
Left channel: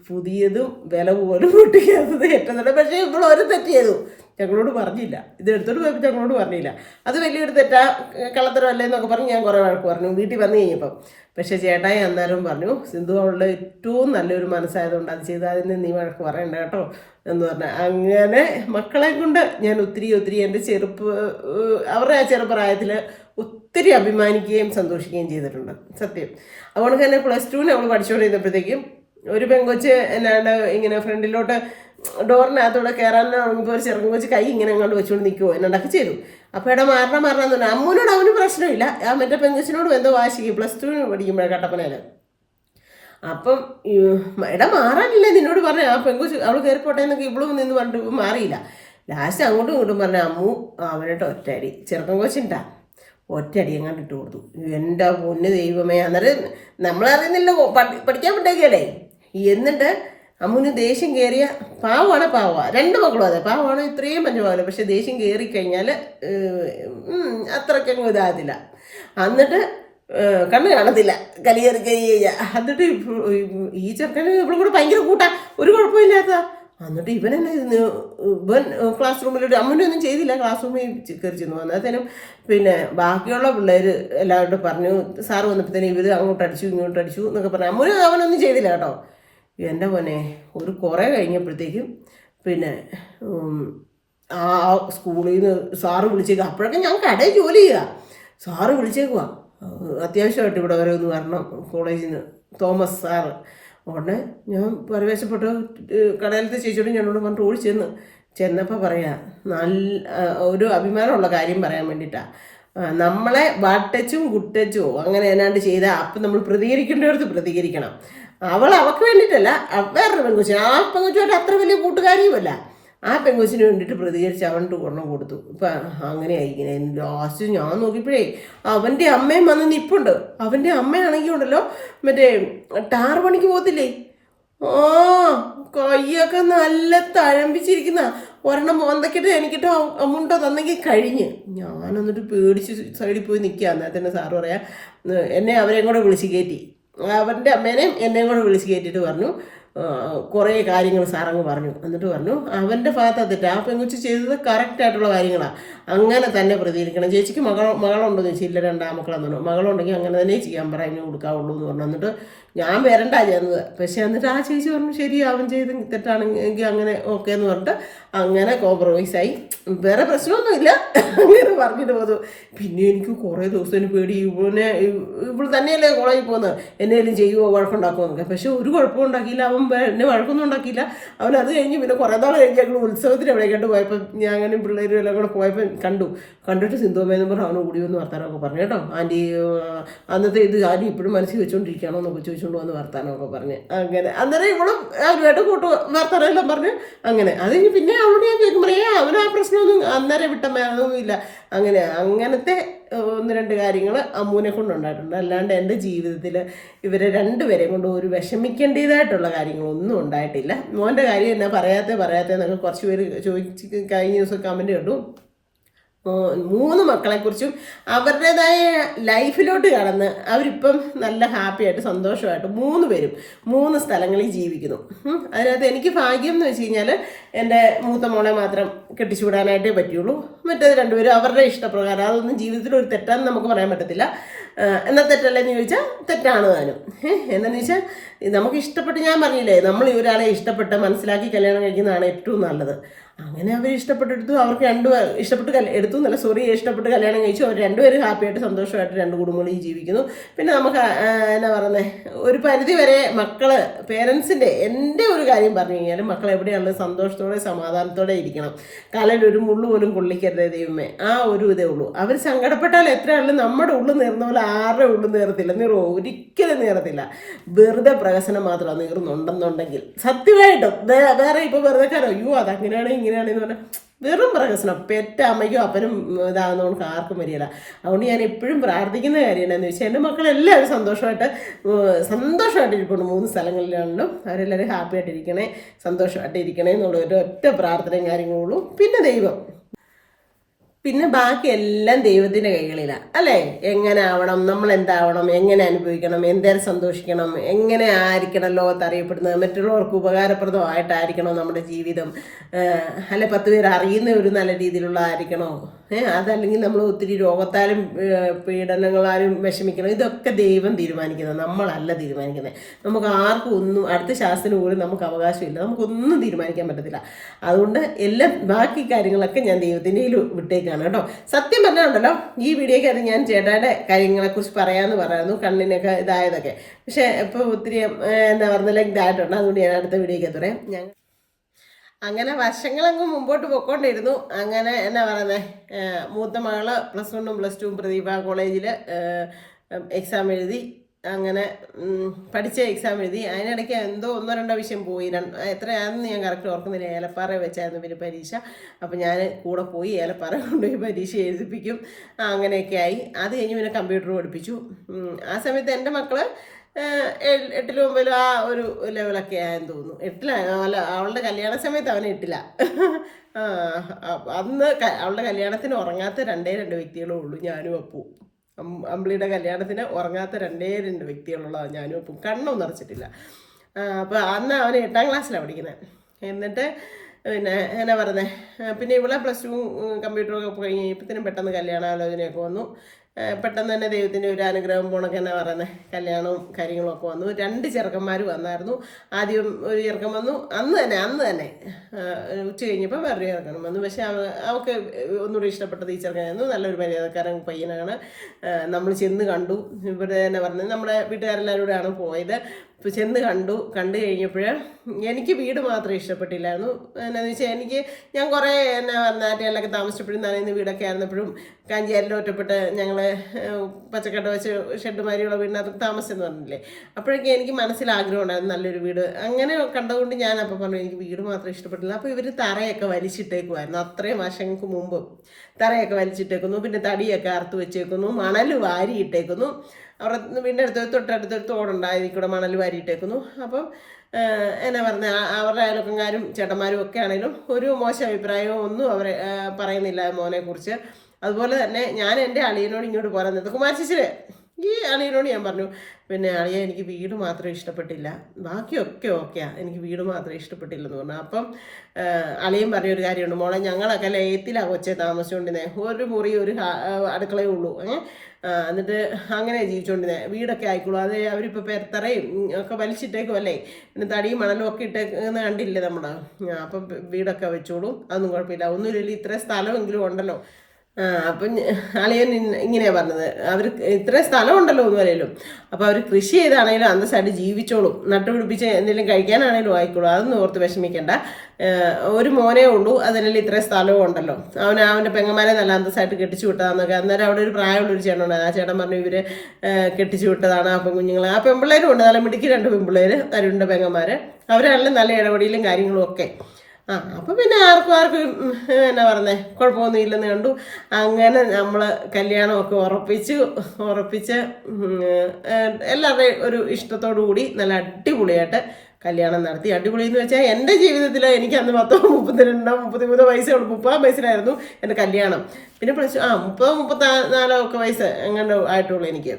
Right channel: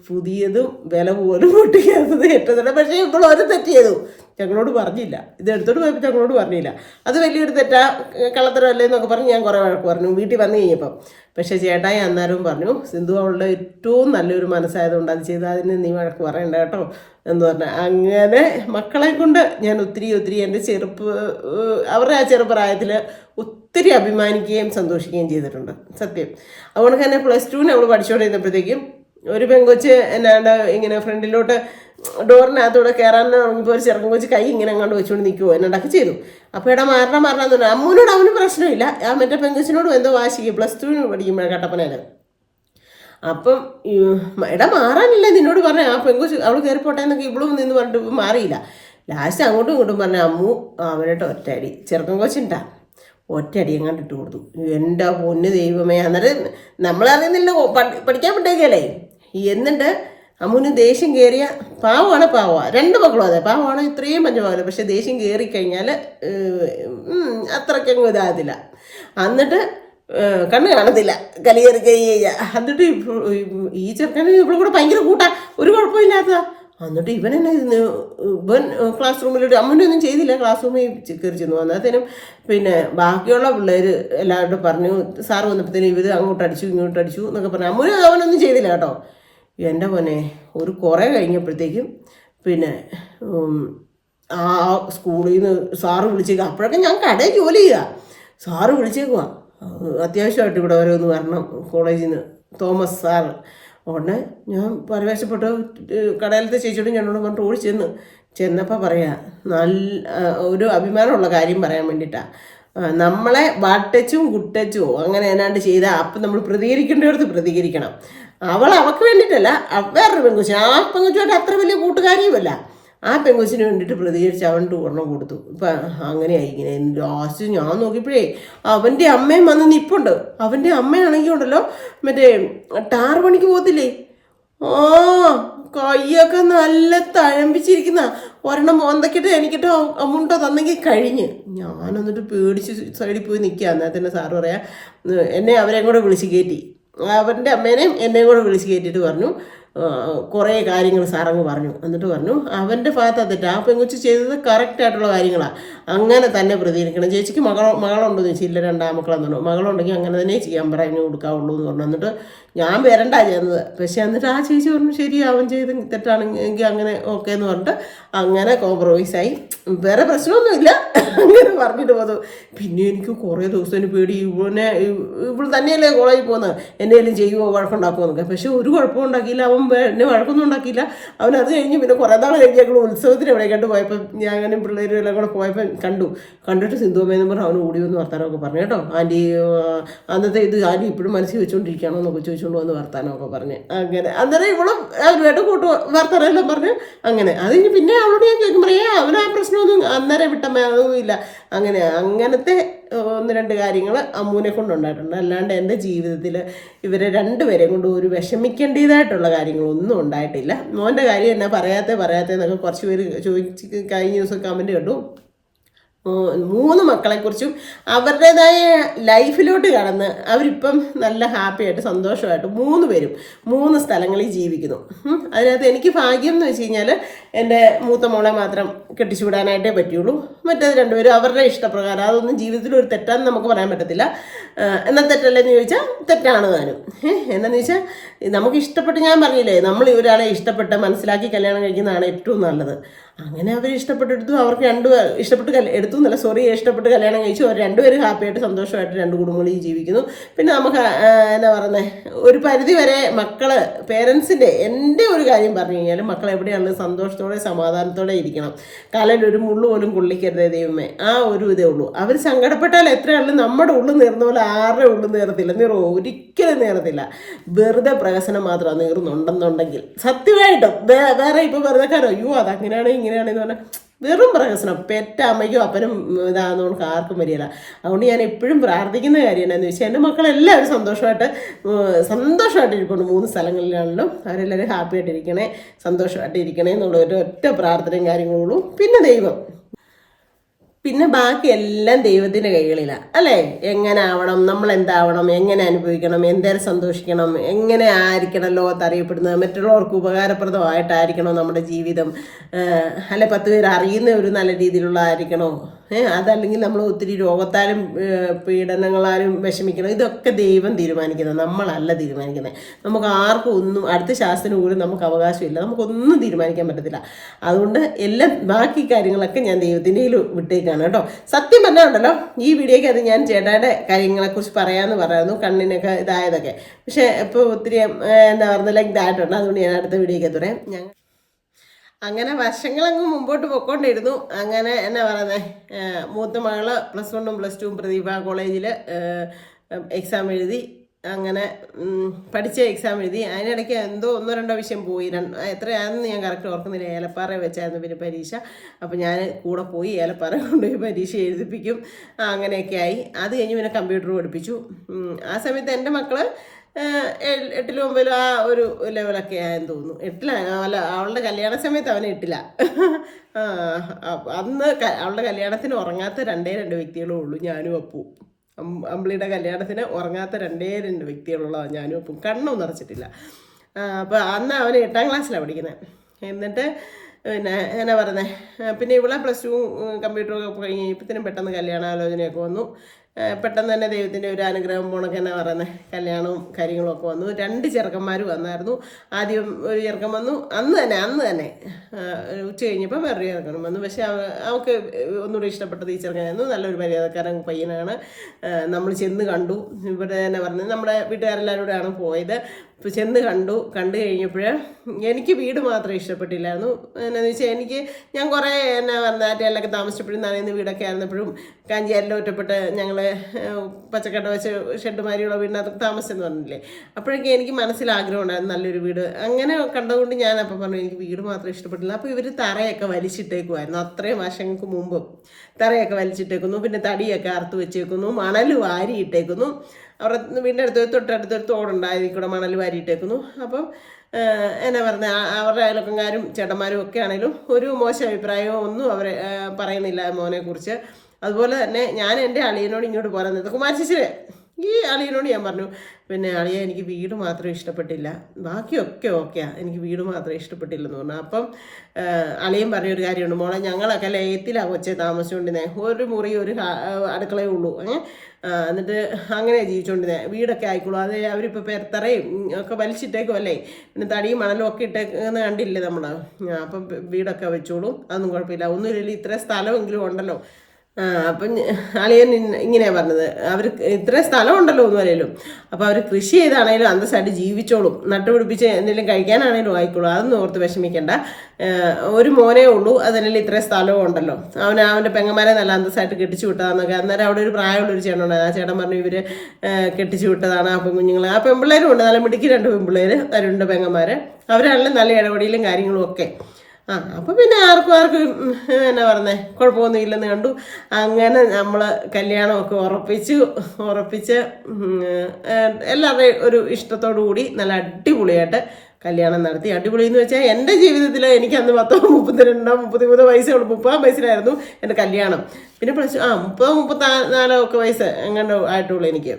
പുതിയതും വില പോലും പൊട്ടിക്കാത്തത് ഏറ്റവും. പക്ഷേ ഇപ്പോൾ ഒരു തെറ്റ് ചെയ്തു, ഞങ്ങളോട് പറഞ്ഞില്ല, ഇത് എടുത്തോട്ട് പോയപ്പോൾ ഞങ്ങളോട് പറഞ്ഞില്ല. അത് വലിയൊരു തെറ്റാ, കള്ളത്തരമല്ലേ എന്നൊക്കെ പറഞ്ഞ് ഞാൻ കുറേ വഴക്ക് പറഞ്ഞു വീട്ടിൽ വന്നു കഴിഞ്ഞപ്പം. പക്ഷേ ചേട്ടായി അന്നേരവും പറഞ്ഞു, സിന്ധു അവളുടെ ഏറ്റവും നല്ലൊരു മനസ്സായതുകൊണ്ട് അത് ചെയ്ത് അതിന് നീ വഴക്ക് പറയണ്ട കേട്ടോ എന്ന് പറഞ്ഞാൽ. അങ്ങനെ മക്കളെ കൊണ്ട് ഞാൻ ഒത്തിരി എൻ്റെ അവരുടെ ആ ചെറുപ്രായത്തിൽ ഒത്തിരി അഭിമാനിക്കുകയും സന്തോഷിക്കുകയും ചെയ്തിട്ടുണ്ട് സത്യം. അതുകൊണ്ട് തന്നെ +2 അവൾ പഠിച്ചുകൊണ്ടിരുന്നപ്പോഴത്തേക്കും ഒരു പെങ്കൊച്ച് എന്നാണ്ട് ഇങ്ങനെ ഫ്രണ്ടിലോട്ട് ഡോറിനകത്തൂടെ കയറാൻ ഇപ്പോൾ ഒരു ചെറുക്കം കൊച്ച് കൈ ഇങ്ങനെ അങ്ങോട്ട് വെച്ചുകൊണ്ട് നിൽക്കുമോ എന്നൊക്കെ ചെയ്തു. അപ്പോൾ എടാ മാറണം എന്ന് പറഞ്ഞു. അമ്മൂനോട് അവന് പ്രശ്നമില്ല, ആ മറ്റേ പെങ്കൊച്ചിനോടും എന്തോ വാശിക്ക് +2 പഠിക്കുമ്പോഴാണ് കട്ടപ്പനയിൽ. അപ്പം എടാ മാറാനില്ല നിന്നോട് പറഞ്ഞ ആ പെങ്കൊച്ച് അവൾ കയറിപ്പോട്ടെ എന്നൊക്കെ ഇവളും നിന്ന് പറഞ്ഞിട്ട് മാറിയില്ല. ലാസ്റ്റ് അങ്ങോട്ടും ഇങ്ങോട്ടും പറഞ്ഞ അമ്മു അവനായിട്ട് ഒറ്റയടി ചെറുക്കം കൊച്ചിട്ടാ ഒറ്റയടി എങ്ങാണ്ട് ഇട്ട് കൊടുത്തു. എൻ്റെ പൊന്ന് ദൈവമേ. അന്നേരം നമ്മളറിയുന്നില്ല പഠിക്കാൻ വിട്ടേക്കല്ലേ. എന്നിട്ട് അമ്മുവിന് ദേഷ്യം കയറിയ പാവമാണ് 2 മക്കളും അതെ പാവമാണ്, ഇത്രയും പഞ്ചപാവല. പക്ഷെ ദേഷ്യം കയറിക്കഴിഞ്ഞാൽ അത്രയ്ക്കങ്ങ് ഇതാകത്തില്ല. എന്നിട്ട് കണ്ണ് കാണത്തില്ല, കലിയേറി കഴിയുക. എന്നിട്ട് ഈ ചെറുക്കന് ഇവളും കൂടെ ഭയങ്കര കൂട്ടാ, ഒരു കുഴപ്പമില്ലാത്തതാ. എന്നിട്ട് ഇവൻ ക്ലാസ് റൂമിൽ അമ്മൂനെ ഒന്നും ചെയ്തില്ല, ക്ലാസ് റൂമിൽ കയറി ചെന്നു. അന്നേരത്തേനും പിന്നെ ബാക്കിയുള്ള പിള്ളേർ എല്ലാവരോടും പറഞ്ഞു, സാറ് വന്നപ്പോഴത്തേനും ഇവർ അങ്ങോട്ട് അടിച്ചു ഇങ്ങോട്ട് അടിച്ചു എന്നൊക്കെ പറഞ്ഞു. അമ്മൂനെ അവനൊന്നും ചെയ്തില്ല കേട്ടോ. എൻ്റെ മോനെ ഒരു കുറേ കഴിഞ്ഞപ്പോഴത്തേക്കും പിന്നെ ആ സ്കൂളിൽ നിന്ന് സാറ് വിളിച്ചേക്കുക. അപ്പോഴൊക്കെ ഞാൻ കടയിൽ ജോലി ചെയ്യുക. സാറ് വിളിച്ചേക്കുക, അത്യാവശ്യമായിട്ട് ഇവിടെ വരെ ഒന്ന് വരണം കോളേജിൽ നിന്ന്, തോമസ് സാറ്. ഉടനെ ഞാൻ പരവേശപ്പെട്ട് കടയിലത്തെ ചേച്ചിയോട് ഞങ്ങളോട് പറഞ്ഞിട്ട് ചെന്നപ്പോൾ പറയാ ഒരു അഭിമാനമുള്ള കാര്യം പറയാൻ വേണ്ടിയിട്ടാണ്. നമ്മളെ വാട്ടച്ചും കുട്ടച്ചോ അങ്ങനെ ഏതാണ്ട് ചെയ്താൽ അപ്പം നമ്മൾ പ്രതികരിക്കേണ്ടടുത്ത് പ്രതികരിക്കണം. അവൾക്ക് വേണ്ടിയിട്ടല്ല, വേറൊരു പെങ്കൊച്ചു, ആ പെങ്കൊച്ചുമായിട്ട് അത്ര വലിയ കൂട്ടുകാരിയുമല്ല, ആ പെങ്കൊച്ചിന് വേണ്ടിയിട്ട് പ്രതികരിച്ച് അവൻ്റെ ഒരെണ്ണം കൊടുത്തു. ഇപ്പം അങ്ങനെയായി. ഇങ്ങനെ ലാസ്റ്റ് ഞാൻ നോക്കിയപ്പോഴേ അവൻ്റെ അമ്മയും വന്ന് നിൽപ്പുണ്ട്. അവൻ്റെ അമ്മയാണെങ്കിൽ ഉണ്ടല്ലോ മറ്റേ ടാർ പണിക്ക് പോകത്തില്ലേ, കയ്യൊക്കെ നല്ല തഴമ്പിച്ചിരിക്കുന്ന ഒരെണ്ണം മോന്തക്കിട്ട് എനിക്കിട്ടോ അമ്മുണ്ടോ തന്നെങ്കിൽ കഴിഞ്ഞ്. ഞാൻ എന്നിട്ട് പേടിച്ച് സൈഡിൽ പോയി നിൽക്കുക. അന്നേരത്തന്നെ സാറ് പറയാം എന്നെ അവരെയും കൂടെ വിളിച്ച് കയറ്റി, അവൻ്റെ അമ്മേനെയും എന്നെയും കൂടെ വിളിച്ച് കയറ്റിയിട്ട് പറഞ്ഞു കുറേ കാര്യങ്ങൾ സാറങ്ങ് പറഞ്ഞു. എന്നിട്ട് പറഞ്ഞു അവൻ്റെ ഭാഗത്ത് തെറ്റ്, ആ പെങ്കുച്ച് ചെയ്തത് കറക്റ്റായിട്ടുള്ള കാര്യങ്ങളാണ്, അങ്ങനെ തന്നെ പ്രതികരിക്കണം. ചേച്ചിക്ക് മകളുണ്ടോ എന്ന് ചോദിച്ചില്ല, 2 മക്കളെന്ന് പറഞ്ഞു. മകളുണ്ടെങ്കിൽ അങ്ങനെ തന്നെ ചെയ്യാൻ പറഞ്ഞു കൊടുക്കാവുള്ളൂ എന്ന് പറഞ്ഞു. എന്നിട്ട് ഞാൻ വരണ്ടാ ചെയ്യുന്നത്. പക്ഷെ എന്നിട്ട് ആ ചേച്ചി പറഞ്ഞു ശരി അവൻ ചെയ്ത് തെറ്റാണെങ്കിൽ അങ്ങനെ ഓക്കെ എന്ന് പറഞ്ഞിട്ട് അങ്ങനെ കോംപ്രമൈസായി. വേറെ പ്രശ്നമൊന്നുമില്ല അങ്ങനെ പറഞ്ഞിട്ട് പോന്നു. പിന്നെ എനിക്ക് കുറേ ദിവസത്തിന് പേടി, ഇവൾ തന്നെയല്ലേ കോളേജിൽ പോകുന്നത്, എന്തെങ്കിലും ചെയ്യുമോ വഴക്കുണ്ടാക്കുമോ എന്നൊക്കെ. പക്ഷെ ഒരു കുഴപ്പവും ഉണ്ടാക്കിയില്ല, അവൻ എന്നെ വഴക്കൊന്നും ഉണ്ടാക്കിയില്ല. അവൻ അത് കഴിഞ്ഞ് പിന്നെ കുറേ നാൾ കഴിഞ്ഞ് ഞങ്ങൾ ഉത്സവത്തിന് എവിടേക്കാണ്ട് പോയപ്പോൾ ഞാൻ അങ്ങനെ പിള്ളേരും എല്ലാം കൂടെ പോയപ്പോൾ കണ്ടിട്ട് സിന്ധുവമ്മയെന്ന് പറഞ്ഞാൽ അവന് ഓടി വന്ന് വർത്താനമൊക്കെ പറഞ്ഞു കേട്ടോ. ആൻറ്റി അന്നത്തെ ഇത് ആൻറ്റി ഇപ്പോഴും മനസ്സിൽ വെച്ചുകൊണ്ടിരിക്കുകയാണോ എന്നൊക്കെ ചോദിച്ചുകൊണ്ട് വന്ന് വർത്താനമൊക്കെ പറഞ്ഞ് അങ്ങനെ. അന്നേരം ഇവളും അവരുമായിട്ട് വർത്താനം എല്ലാം പറഞ്ഞ് അങ്ങനെ. അത് കഴിഞ്ഞ് പിന്നെ അവളോട് ഞാൻ ചോദിക്കുമ്പോൾ അവന് ആ പ്രശ്നമൊന്നും അന്നേരം വിട്ടമ്മ അതൊന്നും ഇല്ല. അങ്ങനത്തെ 1-2 കാര്യങ്ങൾ അമ്മൂനെ കൊണ്ടുണ്ടായിട്ടുണ്ട്. അല്ലാണ്ട് എൻ്റെ ജീവിതത്തിൽ ഇവരെ 2 പേരെയും കൊണ്ട് ഒരു വിഷമിക്കേണ്ടതായിട്ടുള്ള കാര്യങ്ങളൊന്നും ഉണ്ടായിട്ടില്ല. മോൻ്റെ കാര്യം എന്നാ പറയാത്തതെന്നൊക്കെ കുറച്ച് പേര് ചോദിച്ച് കഴിഞ്ഞ ദിവസം കമൻറ്റ് കണ്ടു. 3 മക്കളെക്കുറിച്ചും അവരുടേതായ ലൈഫിലോട്ട് കടന്ന് അവരിപ്പം നല്ല ഹാപ്പിയായിട്ട് സന്തോഷമായിട്ട് 3 പേരും 3 സ്ഥലങ്ങളിൽ ജീവിക്കുന്നു. അതിനകത്ത് എനിക്ക് ഭാഗ്യം എന്ന് വെച്ച് കഴിഞ്ഞാൽ എൻ്റെ മൂത്ത മോളെ മാത്രം കെട്ടിച്ചു വിടാനായിട്ടേ പറ്റുള്ളൂ. മറ്റേത് 2 പേരും അവരുടെ ഇഷ്ടപ്രകാരം. അതൊന്നും ജീവിതത്തിൽ ഒരു തെറ്റാന്ന് നമുക്ക് പറയാൻ പറ്റത്തില്ല. എന്നാൽ തെറ്റല്ലെന്ന് ചോദിച്ചാൽ തെറ്റാണ് താനും. എന്താണെന്ന് വെച്ചാൽ നമുക്ക് ഇഷ്ടപ്പെട്ട്, ഞാൻ പറഞ്ഞില്ലേ നമ്മൾ ഒരാളെ ഇഷ്ടപ്പെട്ട് മനസ്സിലാക്കി കല്യാണം കഴിക്കുന്നതാണ് ഏറ്റവും നല്ലത്. അങ്ങനെ അവർ ഇഷ്ടപ്പെട്ടെടുത്തു, അവർക്ക് ഇഷ്ടപ്പെട്ട് ഇഷ്ടപ്പെട്ട് കല്യാണം കഴിച്ചു. അവർ 2 പേരും ഹാപ്പിയായിട്ട് സന്തോഷമായിട്ട് 2 കുടുംബങ്ങളിൽ ജീവിക്കുന്നു. പിന്നെ നമുക്ക് എന്നാ പറയുന്നത്, ഒരു പരിധി വരെ മക്കള് പേരൻസിൻ്റെ എൻ്റെ ഒരു കാര്യം പറഞ്ഞു കഴിഞ്ഞാൽ മക്കൾ എവിടെയാണ് സന്തോഷത്തോടെ സമാധാനത്തോടെ ഇരിക്കണം. കാലിൽ ഒരു മുള്ളു പോലും കൊള്ളിക്കരുതേ ദൈവമേ, ആ ഒരു ഇതേ ഉള്ളൂ. അവർ സങ്കടപ്പെട്ടാൽ എത്രയാണെങ്കിലും നമ്മുടെ ഉള്ളിൽ നേർന്ന പോലെ ആരുടെ ഉള്ളിൽ നേരത്തില്ല, ഒരിക്കലും നേരത്തില്ല. വെറുതെ പ്രഹസനം മാത്രമാണ് നേർന്നുണ്ടെന്നുണ്ടെങ്കിൽ സത്യമായിട്ടും. വേറെ ഇപ്പോൾ വെറുതെക്കാരോ അയ്യോ അതങ്ങനെയാണ് ഇങ്ങനെയാണെന്ന് പറഞ്ഞാൽ വെറും പ്രഹസനം. പെറ്റ അമ്മയ്ക്കും അപ്പനും ഇതാകുന്നതുകൊണ്ട് ആർക്കും വരികയില്ല. അതുകൊണ്ട് ഞാൻ എപ്പോഴും പ്രാർത്ഥിക്കുന്ന കാര്യം എന്താണെന്ന് വെച്ചാൽ എൻ്റെ മക്കളെല്ലാവരും സന്തോഷമായിട്ട് ഇരിക്കുന്നു. 3 സ്ഥലങ്ങളിലാണെങ്കിലും അവരെല്ലാവരും ഹാപ്പി ആയിട്ടിരിക്കണേ, സന്തോഷമായിട്ട് ഇരിക്കണേ എന്നുള്ള ഒറ്റ പ്രാർത്ഥനയും കാര്യങ്ങളുള്ളൂ. പിന്നെ ദൈവം, പിന്നെ ബാക്കി എല്ലാം ദൈവത്തിൻ്റെ കൈകളിലാണ് അല്ലേ. എങ്ങനെ ആവണം, നമ്മൾ എന്താവണം, എങ്ങനെ അനുഭവിക്കണം, എന്തേരം സന്തോഷിക്കണം, എങ്ങനെ ആയിരിക്കണം ലോകത്ത് അറിയപ്പെടുന്നത്, മറ്റുള്ളവർക്ക് ഉപകാരപ്രദമായിട്ടായിരിക്കണോ നമ്മുടെ ജീവിതം, അല്ലെ 10 പേര് അറിയുന്ന ഒരു നല്ല രീതിയിലുള്ള ആയിരിക്കണോ, അതല്ലെങ്കിൽ നമ്മൾ ഒത്തിരി രോഗത്താലും പീഡനങ്ങളാലും വിഷമിക്കണം. ഇതൊക്കെ ദൈവം തീരുമാനിക്കുന്നത്, നമ്മളല്ല തീരുമാനിക്കുന്നത്. നമുക്ക് ആർക്കും ഒന്നും അടുത്ത ശാസ്ത്രത്തിന് പോലും നമുക്ക് അവകാശമില്ല, നമുക്കൊന്നും തീരുമാനിക്കാൻ പറ്റത്തില്ല. അതുകൊണ്ട് ബാക്കി കാര്യങ്ങളൊക്കെ ഞാൻ ദൈവത്തിൻ്റെ വിട്ടേക്കാണ് കേട്ടോ. സത്യം പറഞ്ഞാൽ ഉണ്ടല്ലോ ഈ വീഡിയോക്കകത്ത് ഞാൻ ചേട്ടായുടെ കാര്യങ്ങളെക്കുറിച്ച് പറയാമെന്ന് പറയായിരുന്നു, കണ്ണിനൊക്കെ ഇതായതൊക്കെ. പക്ഷേ ഇപ്പോൾ ഒത്തിരി എന്താ പറയുക ഇതായിട്ടുണ്ട്. അതുകൊണ്ട് ഞാൻ അടുത്ത വീഡിയോക്കകത്ത് പറയാം. അങ്ങനെ വർഷങ്ങളങ്ങ് മുമ്പോട്ട് പോയിക്കൊണ്ടിരുന്നു. അങ്ങനെ എന്നാ പറയുന്നത്, മൂത്ത മകള് +1ഉം +2ഉം പ്രദീപ കോളേജിൽ എക്സാം എഴുതി. അങ്ങനെ പഠിച്ച എക്സാം എഴുതി. അതിനിടയ്ക്ക് എന്തോ 1-2 വിഷയം പോയി. എത്രയാണെന്ന് ഞാൻ കറക്റ്റ് ഓർക്കുന്നില്ല. ഏലപ്പാറ വെച്ചായിരുന്നു പിന്നെ പരീക്ഷ. അപ്പോൾ ഞാൻ കൂടെ പോയി ഏലപ്പാറ കൊണ്ടുപോയി പരീക്ഷ എഴുതിപ്പിക്കും. അങ്ങനെയൊക്കെ ആയി. അത് കഴിഞ്ഞ് പിന്നെ കമ്പ്യൂട്ടർ പഠിപ്പിച്ചു. ആ സമയത്ത് എൻ്റെ മക്കള് 8ലും 9ലും ആ ഒരു ലെവലൊക്കെ ആയെന്ന് തോന്നുന്നു. 8ലാണ്. അല്ല, അവളുടെ കല്യാണ സമയത്ത് അവനെ 8ലാ. അന്ന് അവളുടെ കല്യാണത്തിന് ഉറങ്ങാത്ത 2 വ്യക്തികളേ ഉള്ളൂ, ഞാനും അപ്പു. അമ്പിളിയുടെ കല്യാണത്തിന് ഉറങ്ങാത്ത 2 വ്യക്തികളുള്ളതാണ് ഞാനും അപ്പം. കണ്ണൊന്നും നിറച്ചിട്ടില്ല. അപ്പോൾ അന്ന് അവന് 8ാം ക്ലാസ്സിലാണ് പഠിക്കുന്നത്. എന്നിട്ട് പിന്നെ എന്നാ പറയുന്നത്, പിന്നെ ഇവിടെ +2 കമ്പ്യൂട്ടറൊക്കെ കഴിഞ്ഞ് കഴിഞ്ഞപ്പോഴത്തേനും പെട്ടെന്ന് കല്യാണാലോചനയൊക്കെ വന്നു. പെട്ടെന്ന് തന്നെ ദൈവത്തിൻ്റെ ഒരു അനുഗ്രഹം പോണൊക്കെ എന്നാ പറയുന്നത്, കല്യാണവും കാര്യങ്ങളും ഒക്കെ വന്നു. 2 ചെറുക്കന്മാർ വന്നായിരുന്നു. ആദ്യം ഒരു ചെറുക്കൻ വന്നു, അന്ന് തന്നെ ഉച്ച കഴിഞ്ഞപ്പോൾ വേറൊരു ചെറുക്കനും വന്നു. പക്ഷെ അവൾക്ക് ഒന്നുകൂടി ഇഷ്ടപ്പെട്ടത് ഈ ചെറുക്കനായിരുന്നു. നല്ലൊരു മര്യാദക്കാരൻ പയ്യനാണ്. നമ്മൾ ചെന്ന് കണ്ടു. ഇവിടെ തന്നെ പറഞ്ഞത് നമ്മുടെ വീട്ടുകാരെല്ലാവരും കൂടെയാണ് പോയത്. ഇപ്പോൾ ചെന്ന് കണ്ടു കഴിഞ്ഞപ്പോൾ എനിക്ക് വീട് മാത്രമേ ഇഷ്ടപ്പെട്ടില്ലായിരുന്നു. എന്നാന്ന് വെച്ചാൽ ഞാൻ കുറേ എന്നാ പറഞ്ഞ ആറ്റയിലൊക്കെ താമസിച്ചപ്പോഴും നനയുന്ന വീടൊക്കെ ആയിരുന്നപ്പോഴും കാഞ്ചിയാരിൽ ഒറ്റപ്പെട്ട് ഞങ്ങൾ പച്ചക്കട്ട വെച്ച് ഷെഡ്മാരിയുള്ള വീടിനകത്ത് താമസിച്ചെന്ന് പറഞ്ഞില്ലേ, അപ്പോഴൊക്കെ എനിക്ക് മനസ്സിൽ ആഗ്രഹം ഉണ്ടായിരുന്നു നല്ലൊരു വീട്. അങ്ങനെ കണ്ടതുകൊണ്ട് ഞാൻ അപ്പം പറഞ്ഞു എനിക്ക് വീട് മാത്രമേ ഇഷ്ടപ്പെട്ടില്ല. അപ്പോൾ ഇവർ തറയൊക്കെ വലിച്ചിട്ടേക്കുമായിരുന്നു. അത്രയും വർഷങ്ങൾക്ക് മുമ്പ് തറയൊക്കെ വലിച്ചിട്ടേക്കുന്നു. പിന്നെ തടിയൊക്കെ അറുത്ത് വെച്ചേക്കുന്നു. മണൽ വാരിയിട്ടേക്കുന്നു. അവരുടെ വീടിൻ്റെ തൊട്ടടുത്തൊരു തോടുണ്ട്, അതിൽ കൂടെ മണൽ വാരിയിട്ടേക്കുന്നു. അപ്പം എന്നാ പറഞ്ഞാൽ അവരുടെ അയൽവക്കക്കാരും ചേട്ടന്മാരും ഒക്കെ ആണെങ്കിലും ഒരു മോശം അഭിപ്രായമോ ഒന്നും അവരെ പറയുന്നില്ല മോനെക്കുറിച്ച്. അതുപോലെ തന്നെ ഞാൻ എൻ്റെ അളിയനോട് ഇങ്ങോട്ട് പറയുന്നത്, കുമാരശിശിരെ ഈ അളിയനോട് ഞാൻ പറഞ്ഞു, പിന്നെ അളിയ എനിക്ക് വീട് മാത്രമേ ഇഷ്ടപ്പെട്ടില്ല, ബാക്കിയൊക്കെ ഓക്കെയാണ്, എനിക്ക് വീട് മാത്രമേ ഇഷ്ടപ്പെട്ടില്ലെന്ന് പറഞ്ഞു. അപ്പം അളിയൻ പറഞ്ഞൊരു കാര്യമുണ്ട്, മോളെ ഞങ്ങളൊക്കെ ലയത്തിലാണ് കൊച്ചെ താമസിച്ചുകൊണ്ടിരുന്നത്. ഒരു മുറി ഒരു അടുക്കളയേ ഉള്ളൂ. എന്നിട്ട് അങ്ങനെ ജീവിച്ചുകൊണ്ടിരുന്നത്. വീടൊക്കെ ആയിക്കോളൂ, അത് അവരിപ്പോൾ പെരത്തറയും ഒക്കെ വലിച്ചിട്ടേക്കും അല്ലേ, പിന്നെ തടിയും മണലും ഒക്കെ ഇട്ടേക്കുന്ന കണ്ടില്ലേ നമ്മൾ. അപ്പം വീടൊക്കെ വെച്ചോളൂ, അതൊന്നും കുഴപ്പമില്ല, ഒന്നുമില്ല ഇത്ര സ്ഥലമെങ്കിലും ഉണ്ടല്ലോ. അപ്പം അളിയൻ ഇങ്ങനെയാണ് പറഞ്ഞത്, അവർ ഇത്രയും സ്ഥലമുണ്ടല്ലോ ഒന്നും അറിയല്ലോ, അപ്പോൾ അവർ കൃഷി ചെയ്താണെങ്കിലും അന്തസ്സായിട്ട് ജീവിച്ചോളും, നട്ടുപിടിപ്പിച്ച് എന്തെങ്കിലും കഴിക്കാനാണെങ്കിലും ആയിക്കോളും, അതൊന്നും ഓർത്ത് വിഷമിക്കേണ്ട. ഒരു മോനേ ഉള്ളൂ, അതിനെല്ലാം ഇത്രയും സ്ഥലവും ഉണ്ടല്ലോ, അവൻ്റെ പെങ്ങന്മാരെ നല്ല അന്തസ്സായിട്ട് കെട്ടിച്ചു വിട്ടതാന്നൊക്കെ. അന്നേരം അവിടെ ഒരു പ്രായമുള്ളൊരു ചേട്ടനുണ്ട്. ആ ചേട്ടൻ പറഞ്ഞു ഇവർ കെട്ടിച്ചു വിട്ടതാണ് ആ പെൺകുഞ്ഞുങ്ങൾ. ആ പെൺപിള്ളേരും ഉണ്ട്, നല്ല മിടുക്കി 2 പെൺപിള്ളേർ, തരുണ്ട പെങ്ങന്മാർ. അവരാണെങ്കിലും നല്ല ഇടപെടലും കാര്യങ്ങളും ഒക്കെ. അപ്പോൾ പിന്നെ ആർക്കും എന്നാ പറഞ്ഞേ കുഴപ്പമൊന്നും ഇല്ലെന്ന് കണ്ടു. അങ്ങനെ നമ്മൾ കല്യാണമൊക്കെ ഉറപ്പിച്ച് എല്ലാവരുടെയും ഒരു ഇഷ്ടത്തോടു കൂടി നല്ല അടിപൊളിയായിട്ട് കല്യാണം നടത്തി. അടിപൊളി എന്ന് വെച്ചാൽ എൻ്റെ ജീവിതത്തിൽ എനിക്ക് അന്ന് 32-33 വയസ്സേ ഉള്ളൂ. 30 വയസ്സിലായിരുന്നു എൻ്റെ കല്യാണം. പിന്നെ +30 34 ഒക്കെ വയസ്സ് അങ്ങനെ ആയിട്ടുള്ളൂ എനിക്ക്.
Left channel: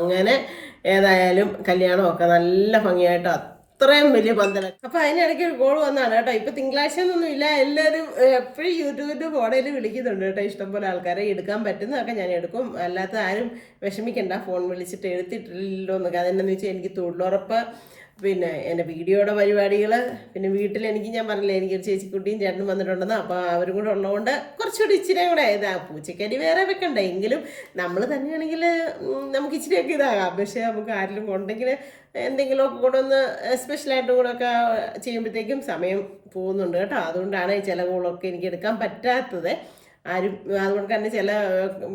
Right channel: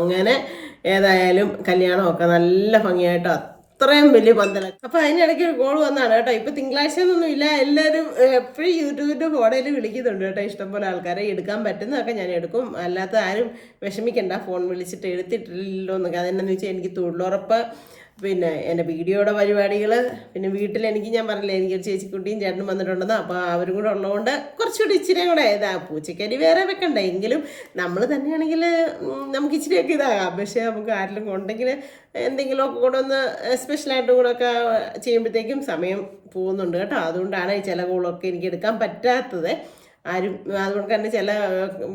അങ്ങനെ ഏതായാലും കല്യാണമൊക്കെ നല്ല ഭംഗിയായിട്ട് അത്രയും വലിയ പന്തല. അപ്പം അതിനിടയ്ക്ക് കോൾ വന്നതാണ് കേട്ടോ. ഇപ്പം തിങ്കളാഴ്ച ഒന്നും ഇല്ല, എല്ലാവരും എപ്പോഴും യൂട്യൂബിൻ്റെ ഫോണിൽ വിളിക്കുന്നുണ്ട് കേട്ടോ. ഇഷ്ടംപോലെ ആൾക്കാരെ എടുക്കാൻ പറ്റുന്നതൊക്കെ ഞാൻ എടുക്കും, അല്ലാത്ത ആരും വിഷമിക്കണ്ട, ഫോൺ വിളിച്ചിട്ട് എടുത്തിട്ടില്ലല്ലോ എന്നൊക്കെ. അതെന്നു വെച്ചാൽ എനിക്ക് തൊഴിലുറപ്പ്, പിന്നെ എൻ്റെ വീഡിയോയുടെ പരിപാടികൾ, പിന്നെ വീട്ടിൽ ഞാൻ പറഞ്ഞില്ലേ എനിക്കൊരു ചേച്ചിക്കുട്ടിയും ചേട്ടനും വന്നിട്ടുണ്ടെന്ന്. അപ്പോൾ അവരും കൂടെ ഉള്ളതുകൊണ്ട് കുറച്ചുകൂടി ഇച്ചിരി കൂടെ പൂച്ചക്കരി വേറെ വെക്കണ്ട, എങ്കിലും നമ്മൾ തന്നെയാണെങ്കിൽ നമുക്ക് ഇച്ചിരിയൊക്കെ ഇതാകാം. പക്ഷേ നമുക്ക് ആരെങ്കിലും ഉണ്ടെങ്കിൽ എന്തെങ്കിലുമൊക്കെ കൂടെ ഒന്ന് സ്പെഷ്യലായിട്ടും കൂടെ ഒക്കെ ചെയ്യുമ്പോഴത്തേക്കും സമയം പോകുന്നുണ്ട് കേട്ടോ. അതുകൊണ്ടാണ് ചില കോളൊക്കെ എനിക്ക് എടുക്കാൻ പറ്റാത്തത്. അതുകൊണ്ട് തന്നെ ചില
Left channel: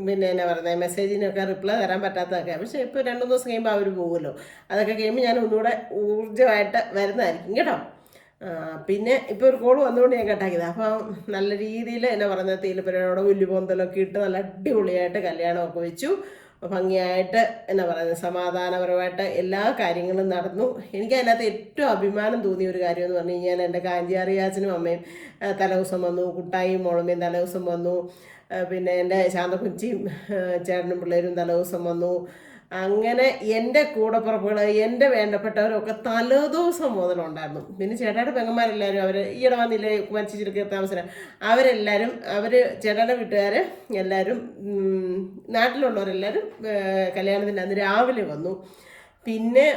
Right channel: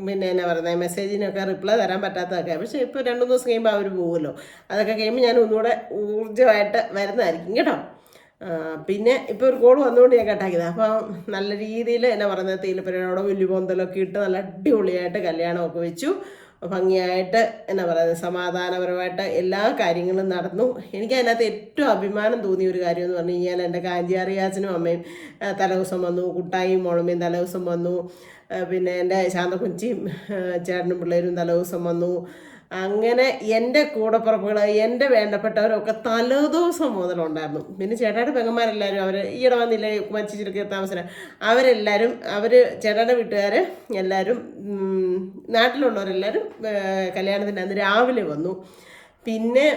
പിന്നെ എന്നാ പറയുന്നത് മെസ്സേജിനൊക്കെ റിപ്ലൈ തരാൻ പറ്റാത്തതൊക്കെ. പക്ഷേ ഇപ്പോൾ 2-3 ദിവസം കഴിയുമ്പോൾ അവർ പോകുമല്ലോ, അതൊക്കെ കഴിയുമ്പോൾ ഞാൻ ഒന്നുകൂടെ ഊർജ്ജമായിട്ട് വരുന്നതായിരിക്കും കേട്ടോ. പിന്നെ ഇപ്പോൾ ഒരു കോൾ വന്നുകൊണ്ട് ഞാൻ കട്ടാക്കിയത്. അപ്പം നല്ല രീതിയിൽ എന്നാ പറയുന്നത് തേയിലപ്പരയോടെ വലിയ പൊന്തലൊക്കെ ഇട്ട് നല്ല അടിപൊളിയായിട്ട് കല്യാണമൊക്കെ വെച്ചു. ഭംഗിയായിട്ട് എന്നാ പറയുന്നത് സമാധാനപരമായിട്ട് എല്ലാ കാര്യങ്ങളും നടന്നു. എനിക്കതിനകത്ത് ഏറ്റവും അഭിമാനം തോന്നിയ ഒരു കാര്യം എന്ന് പറഞ്ഞു കഴിഞ്ഞാൽ എൻ്റെ കാഞ്ചിയാറിയാച്ചനും അമ്മയും തലേദിവസം വന്നു, കുട്ടായും മോളമ്മയും തലേദിവസം വന്നു, പിന്നെ എൻ്റെ ശാന്തക്കുഞ്ചിയും ചേട്ടനും പിള്ളേരും തലേദിവസം വന്നു. അങ്ങനെ എൻ്റെ കൂടപ്പുറപ്പുകൾ, എൻ്റെ വേണ്ടപ്പെട്ടവരൊക്കെ തലേദിവസം മുതലുണ്ടായിരുന്നു. പിന്നെ ചേട്ടായുടെ പെങ്ങന്മാരെല്ലാവരും അവർ ഈയിടെ വന്നില്ലേ മരിച്ചിരിക്കുക താമസം, അവരെല്ലാവരും ചേട്ടായുടെ വീട്ടുകാർ എല്ലാവരും നാട്ടിലുള്ളവരെല്ലാവരും കല്യാണത്തിൻ്റെ അന്ന് രാവിലെ വന്നു. പിന്നെ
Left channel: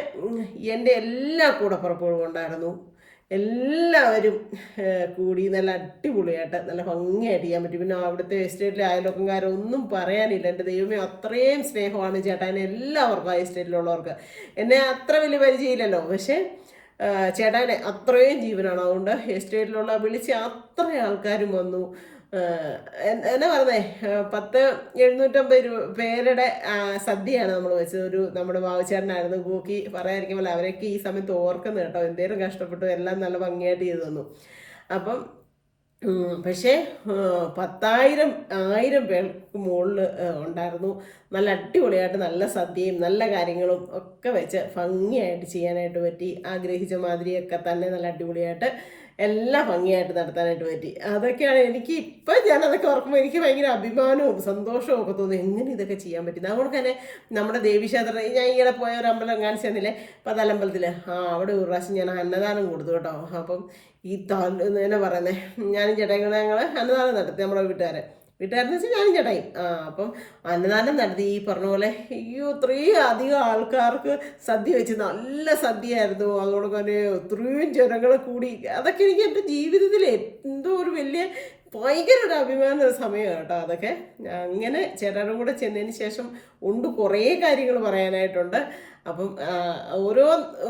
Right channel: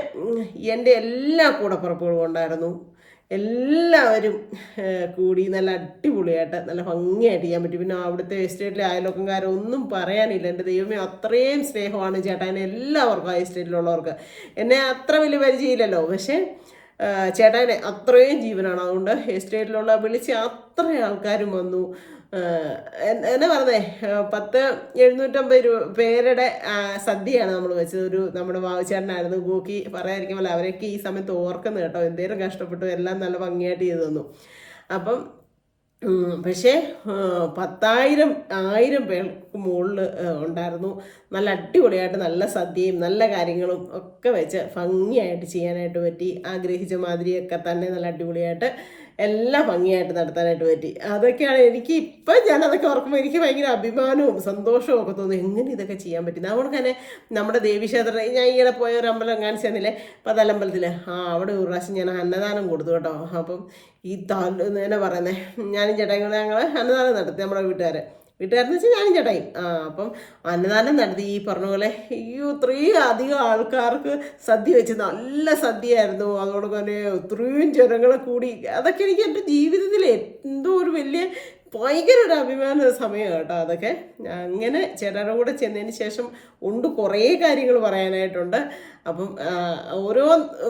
എൻ്റെ എല്ലാ കൂടപ്പുറപ്പുകളും ഉണ്ടായിരുന്നു. എല്ലാവരും കൂടി നല്ല അടിപൊളിയായിട്ട് നല്ല ഭംഗിയായിട്ട് ചെയ്യാൻ പറ്റി. പിന്നെ അവിടുത്തെ എസ്റ്റേറ്റിലെ അയൽവക്കംകാരൊന്നും പറയാനില്ല. എൻ്റെ ദൈവമേ അത്രയും സ്നേഹമാണ് ചേട്ടാ എല്ലാവർക്കും ആ എസ്റ്റേറ്റിലുള്ളവർക്ക്. എന്നെ അത്ര വലിയ പരിചയമില്ലല്ലോ, പക്ഷേ ചേട്ടാനെ അത്രയും ജീവനാണ്. അതുകൊണ്ട് എസ്റ്റേറ്റിലുള്ള വിളിച്ച് അത്രയും ആൾക്കാരും വന്നു. എന്നാ പറഞ്ഞേ 750 പേരുടെ സദ്യയാണ് നമ്മൾ വെച്ചത്. നമ്മുടെ വാവച്ചേട്ടനായിരുന്നു കൂക്കി പറയാതിരിക്കുമല്ലോ. അവരൊക്കെ ഈ സമയത്ത് ഓർക്കുന്നു കേട്ടോ, എന്തേലും കഷ്ടപ്പെട്ടു, എല്ലാം നല്ല ഭംഗിയായിട്ട് ചെയ്തു തന്നു. അപ്പം പക്ഷേ 10,000 പേർക്ക് മുകളിൽ ഉണ്ടായിരുന്നു. നല്ല അടിപൊളിയായിട്ട് നല്ല സദ്യയും നല്ല കാര്യങ്ങളും ഒക്കെ വെച്ച് ഭംഗിയായിട്ട് ചെയ്യാനായിട്ട് പറ്റി. ആഗ്രഹിച്ച മാതിരിയൊക്കെ തന്നെ നല്ല അടിപൊളിയായിട്ട് എല്ലാം ഭംഗിയായിട്ട് നടത്താനായിട്ട് പറ്റി. അതൊക്കെയാണ് എനിക്ക് ഇപ്പം ഞാനതൊക്കെ ഓർക്കുമ്പോൾ എനിക്ക് ഭയങ്കര അഭിമാനവും സന്തോഷവും ഒക്കെ തോന്നും, എങ്ങനെ ഇതൊക്കെ ചെയ്യാൻ പറ്റുന്നത്. അതുകൊണ്ട് തന്നെ നമ്മുടെ ദേവീക്ഷേത്രം, ഞാൻ ഈയിടെ പോയ ഒരു അമ്പലം കാണിച്ചു തന്നില്ലേ, പതാലമ്പലത്തിൽ, അവിടെ ഒരു പ്രാവശ്യം ഞാൻ അന്നദാനം കൊടുത്തു കേട്ടോ. അപ്പം ഈ എന്നാ പറയുന്നത്, ഞാനും ചേട്ടായും കൂടെ ഞങ്ങൾ അന്നദാനം നടത്തി. നമ്മുടെ വീട്ടുകാരെന്ന് വെച്ചാൽ ഞാനും ചേട്ടായി. അപ്പം അന്നദാനം നടത്തി. ഈ പറഞ്ഞ പോലെ ഇത്രയും അധികം ആൾക്കാർക്ക് സദ്യ വെച്ച് നല്ല സദ്യയായിരുന്നു. അതുകൊണ്ട് തന്നെ ഒത്തിരിയും ജനങ്ങളെ കൂടി. അതൊക്കെ എനിക്ക് എൻ്റെ ജീവിതത്തിൽ എന്തോ ഒരു വലിയ ഭയങ്കര ഒരു അഭിമാന സമയമാണ് കേട്ടോ അതൊക്കെ. അങ്ങനെ ചേട്ടൻ്റെ കൂടെ ചെന്നതിന് ശേഷം കുറേ കാര്യങ്ങൾ പറയാനായിട്ടുണ്ട്. അപ്പം ഓരോ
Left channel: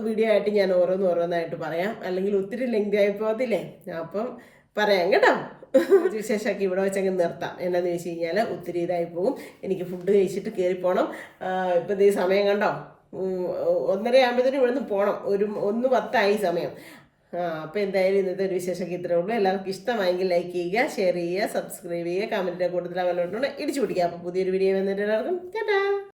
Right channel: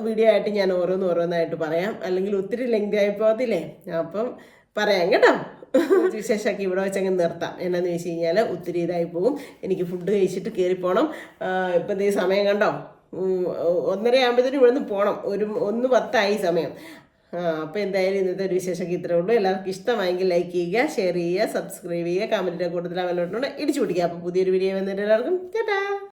വീഡിയോ ആയിട്ട് ഞാൻ ഓരോന്നായിട്ട് പറയാം, അല്ലെങ്കിൽ ഒത്തിരി ലെങ്തി ആയി പോകത്തില്ലേ. അപ്പം പറയാം കേട്ടോ. വിശേഷമൊക്കെ ഇവിടെ വെച്ചങ്ങ് നിർത്താം. എന്നാന്ന് ചോദിച്ചു കഴിഞ്ഞാൽ ഒത്തിരി ഇതായി പോകും. എനിക്ക് ഫുഡ് കഴിച്ചിട്ട് കയറിപ്പോണം. ഇപ്പം ഈ സമയം കണ്ടോ, 1:30 ആകുമ്പോഴത്തേനും ഇവിടുന്ന് പോകണം. 1:10 സമയം. അപ്പോൾ എന്തായാലും ഇന്നത്തെ ഒരു വിശേഷമൊക്കെ ഇത്രേ ഉള്ളൂ. എല്ലാവർക്കും ഇഷ്ടമായെങ്കിൽ ലൈക്ക് ചെയ്യുക, ഷെയർ ചെയ്യുക, സബ്സ്ക്രൈബ് ചെയ്യുക, കമൻറ്റിൻ്റെ കൂട്ടത്തിൽ അവലോട്ടുണ്ട് ഇടിച്ചു പിടിക്കുക. അപ്പോൾ പുതിയൊരു വീഡിയോ വന്നിട്ട് എല്ലാവർക്കും ടാറ്റാ.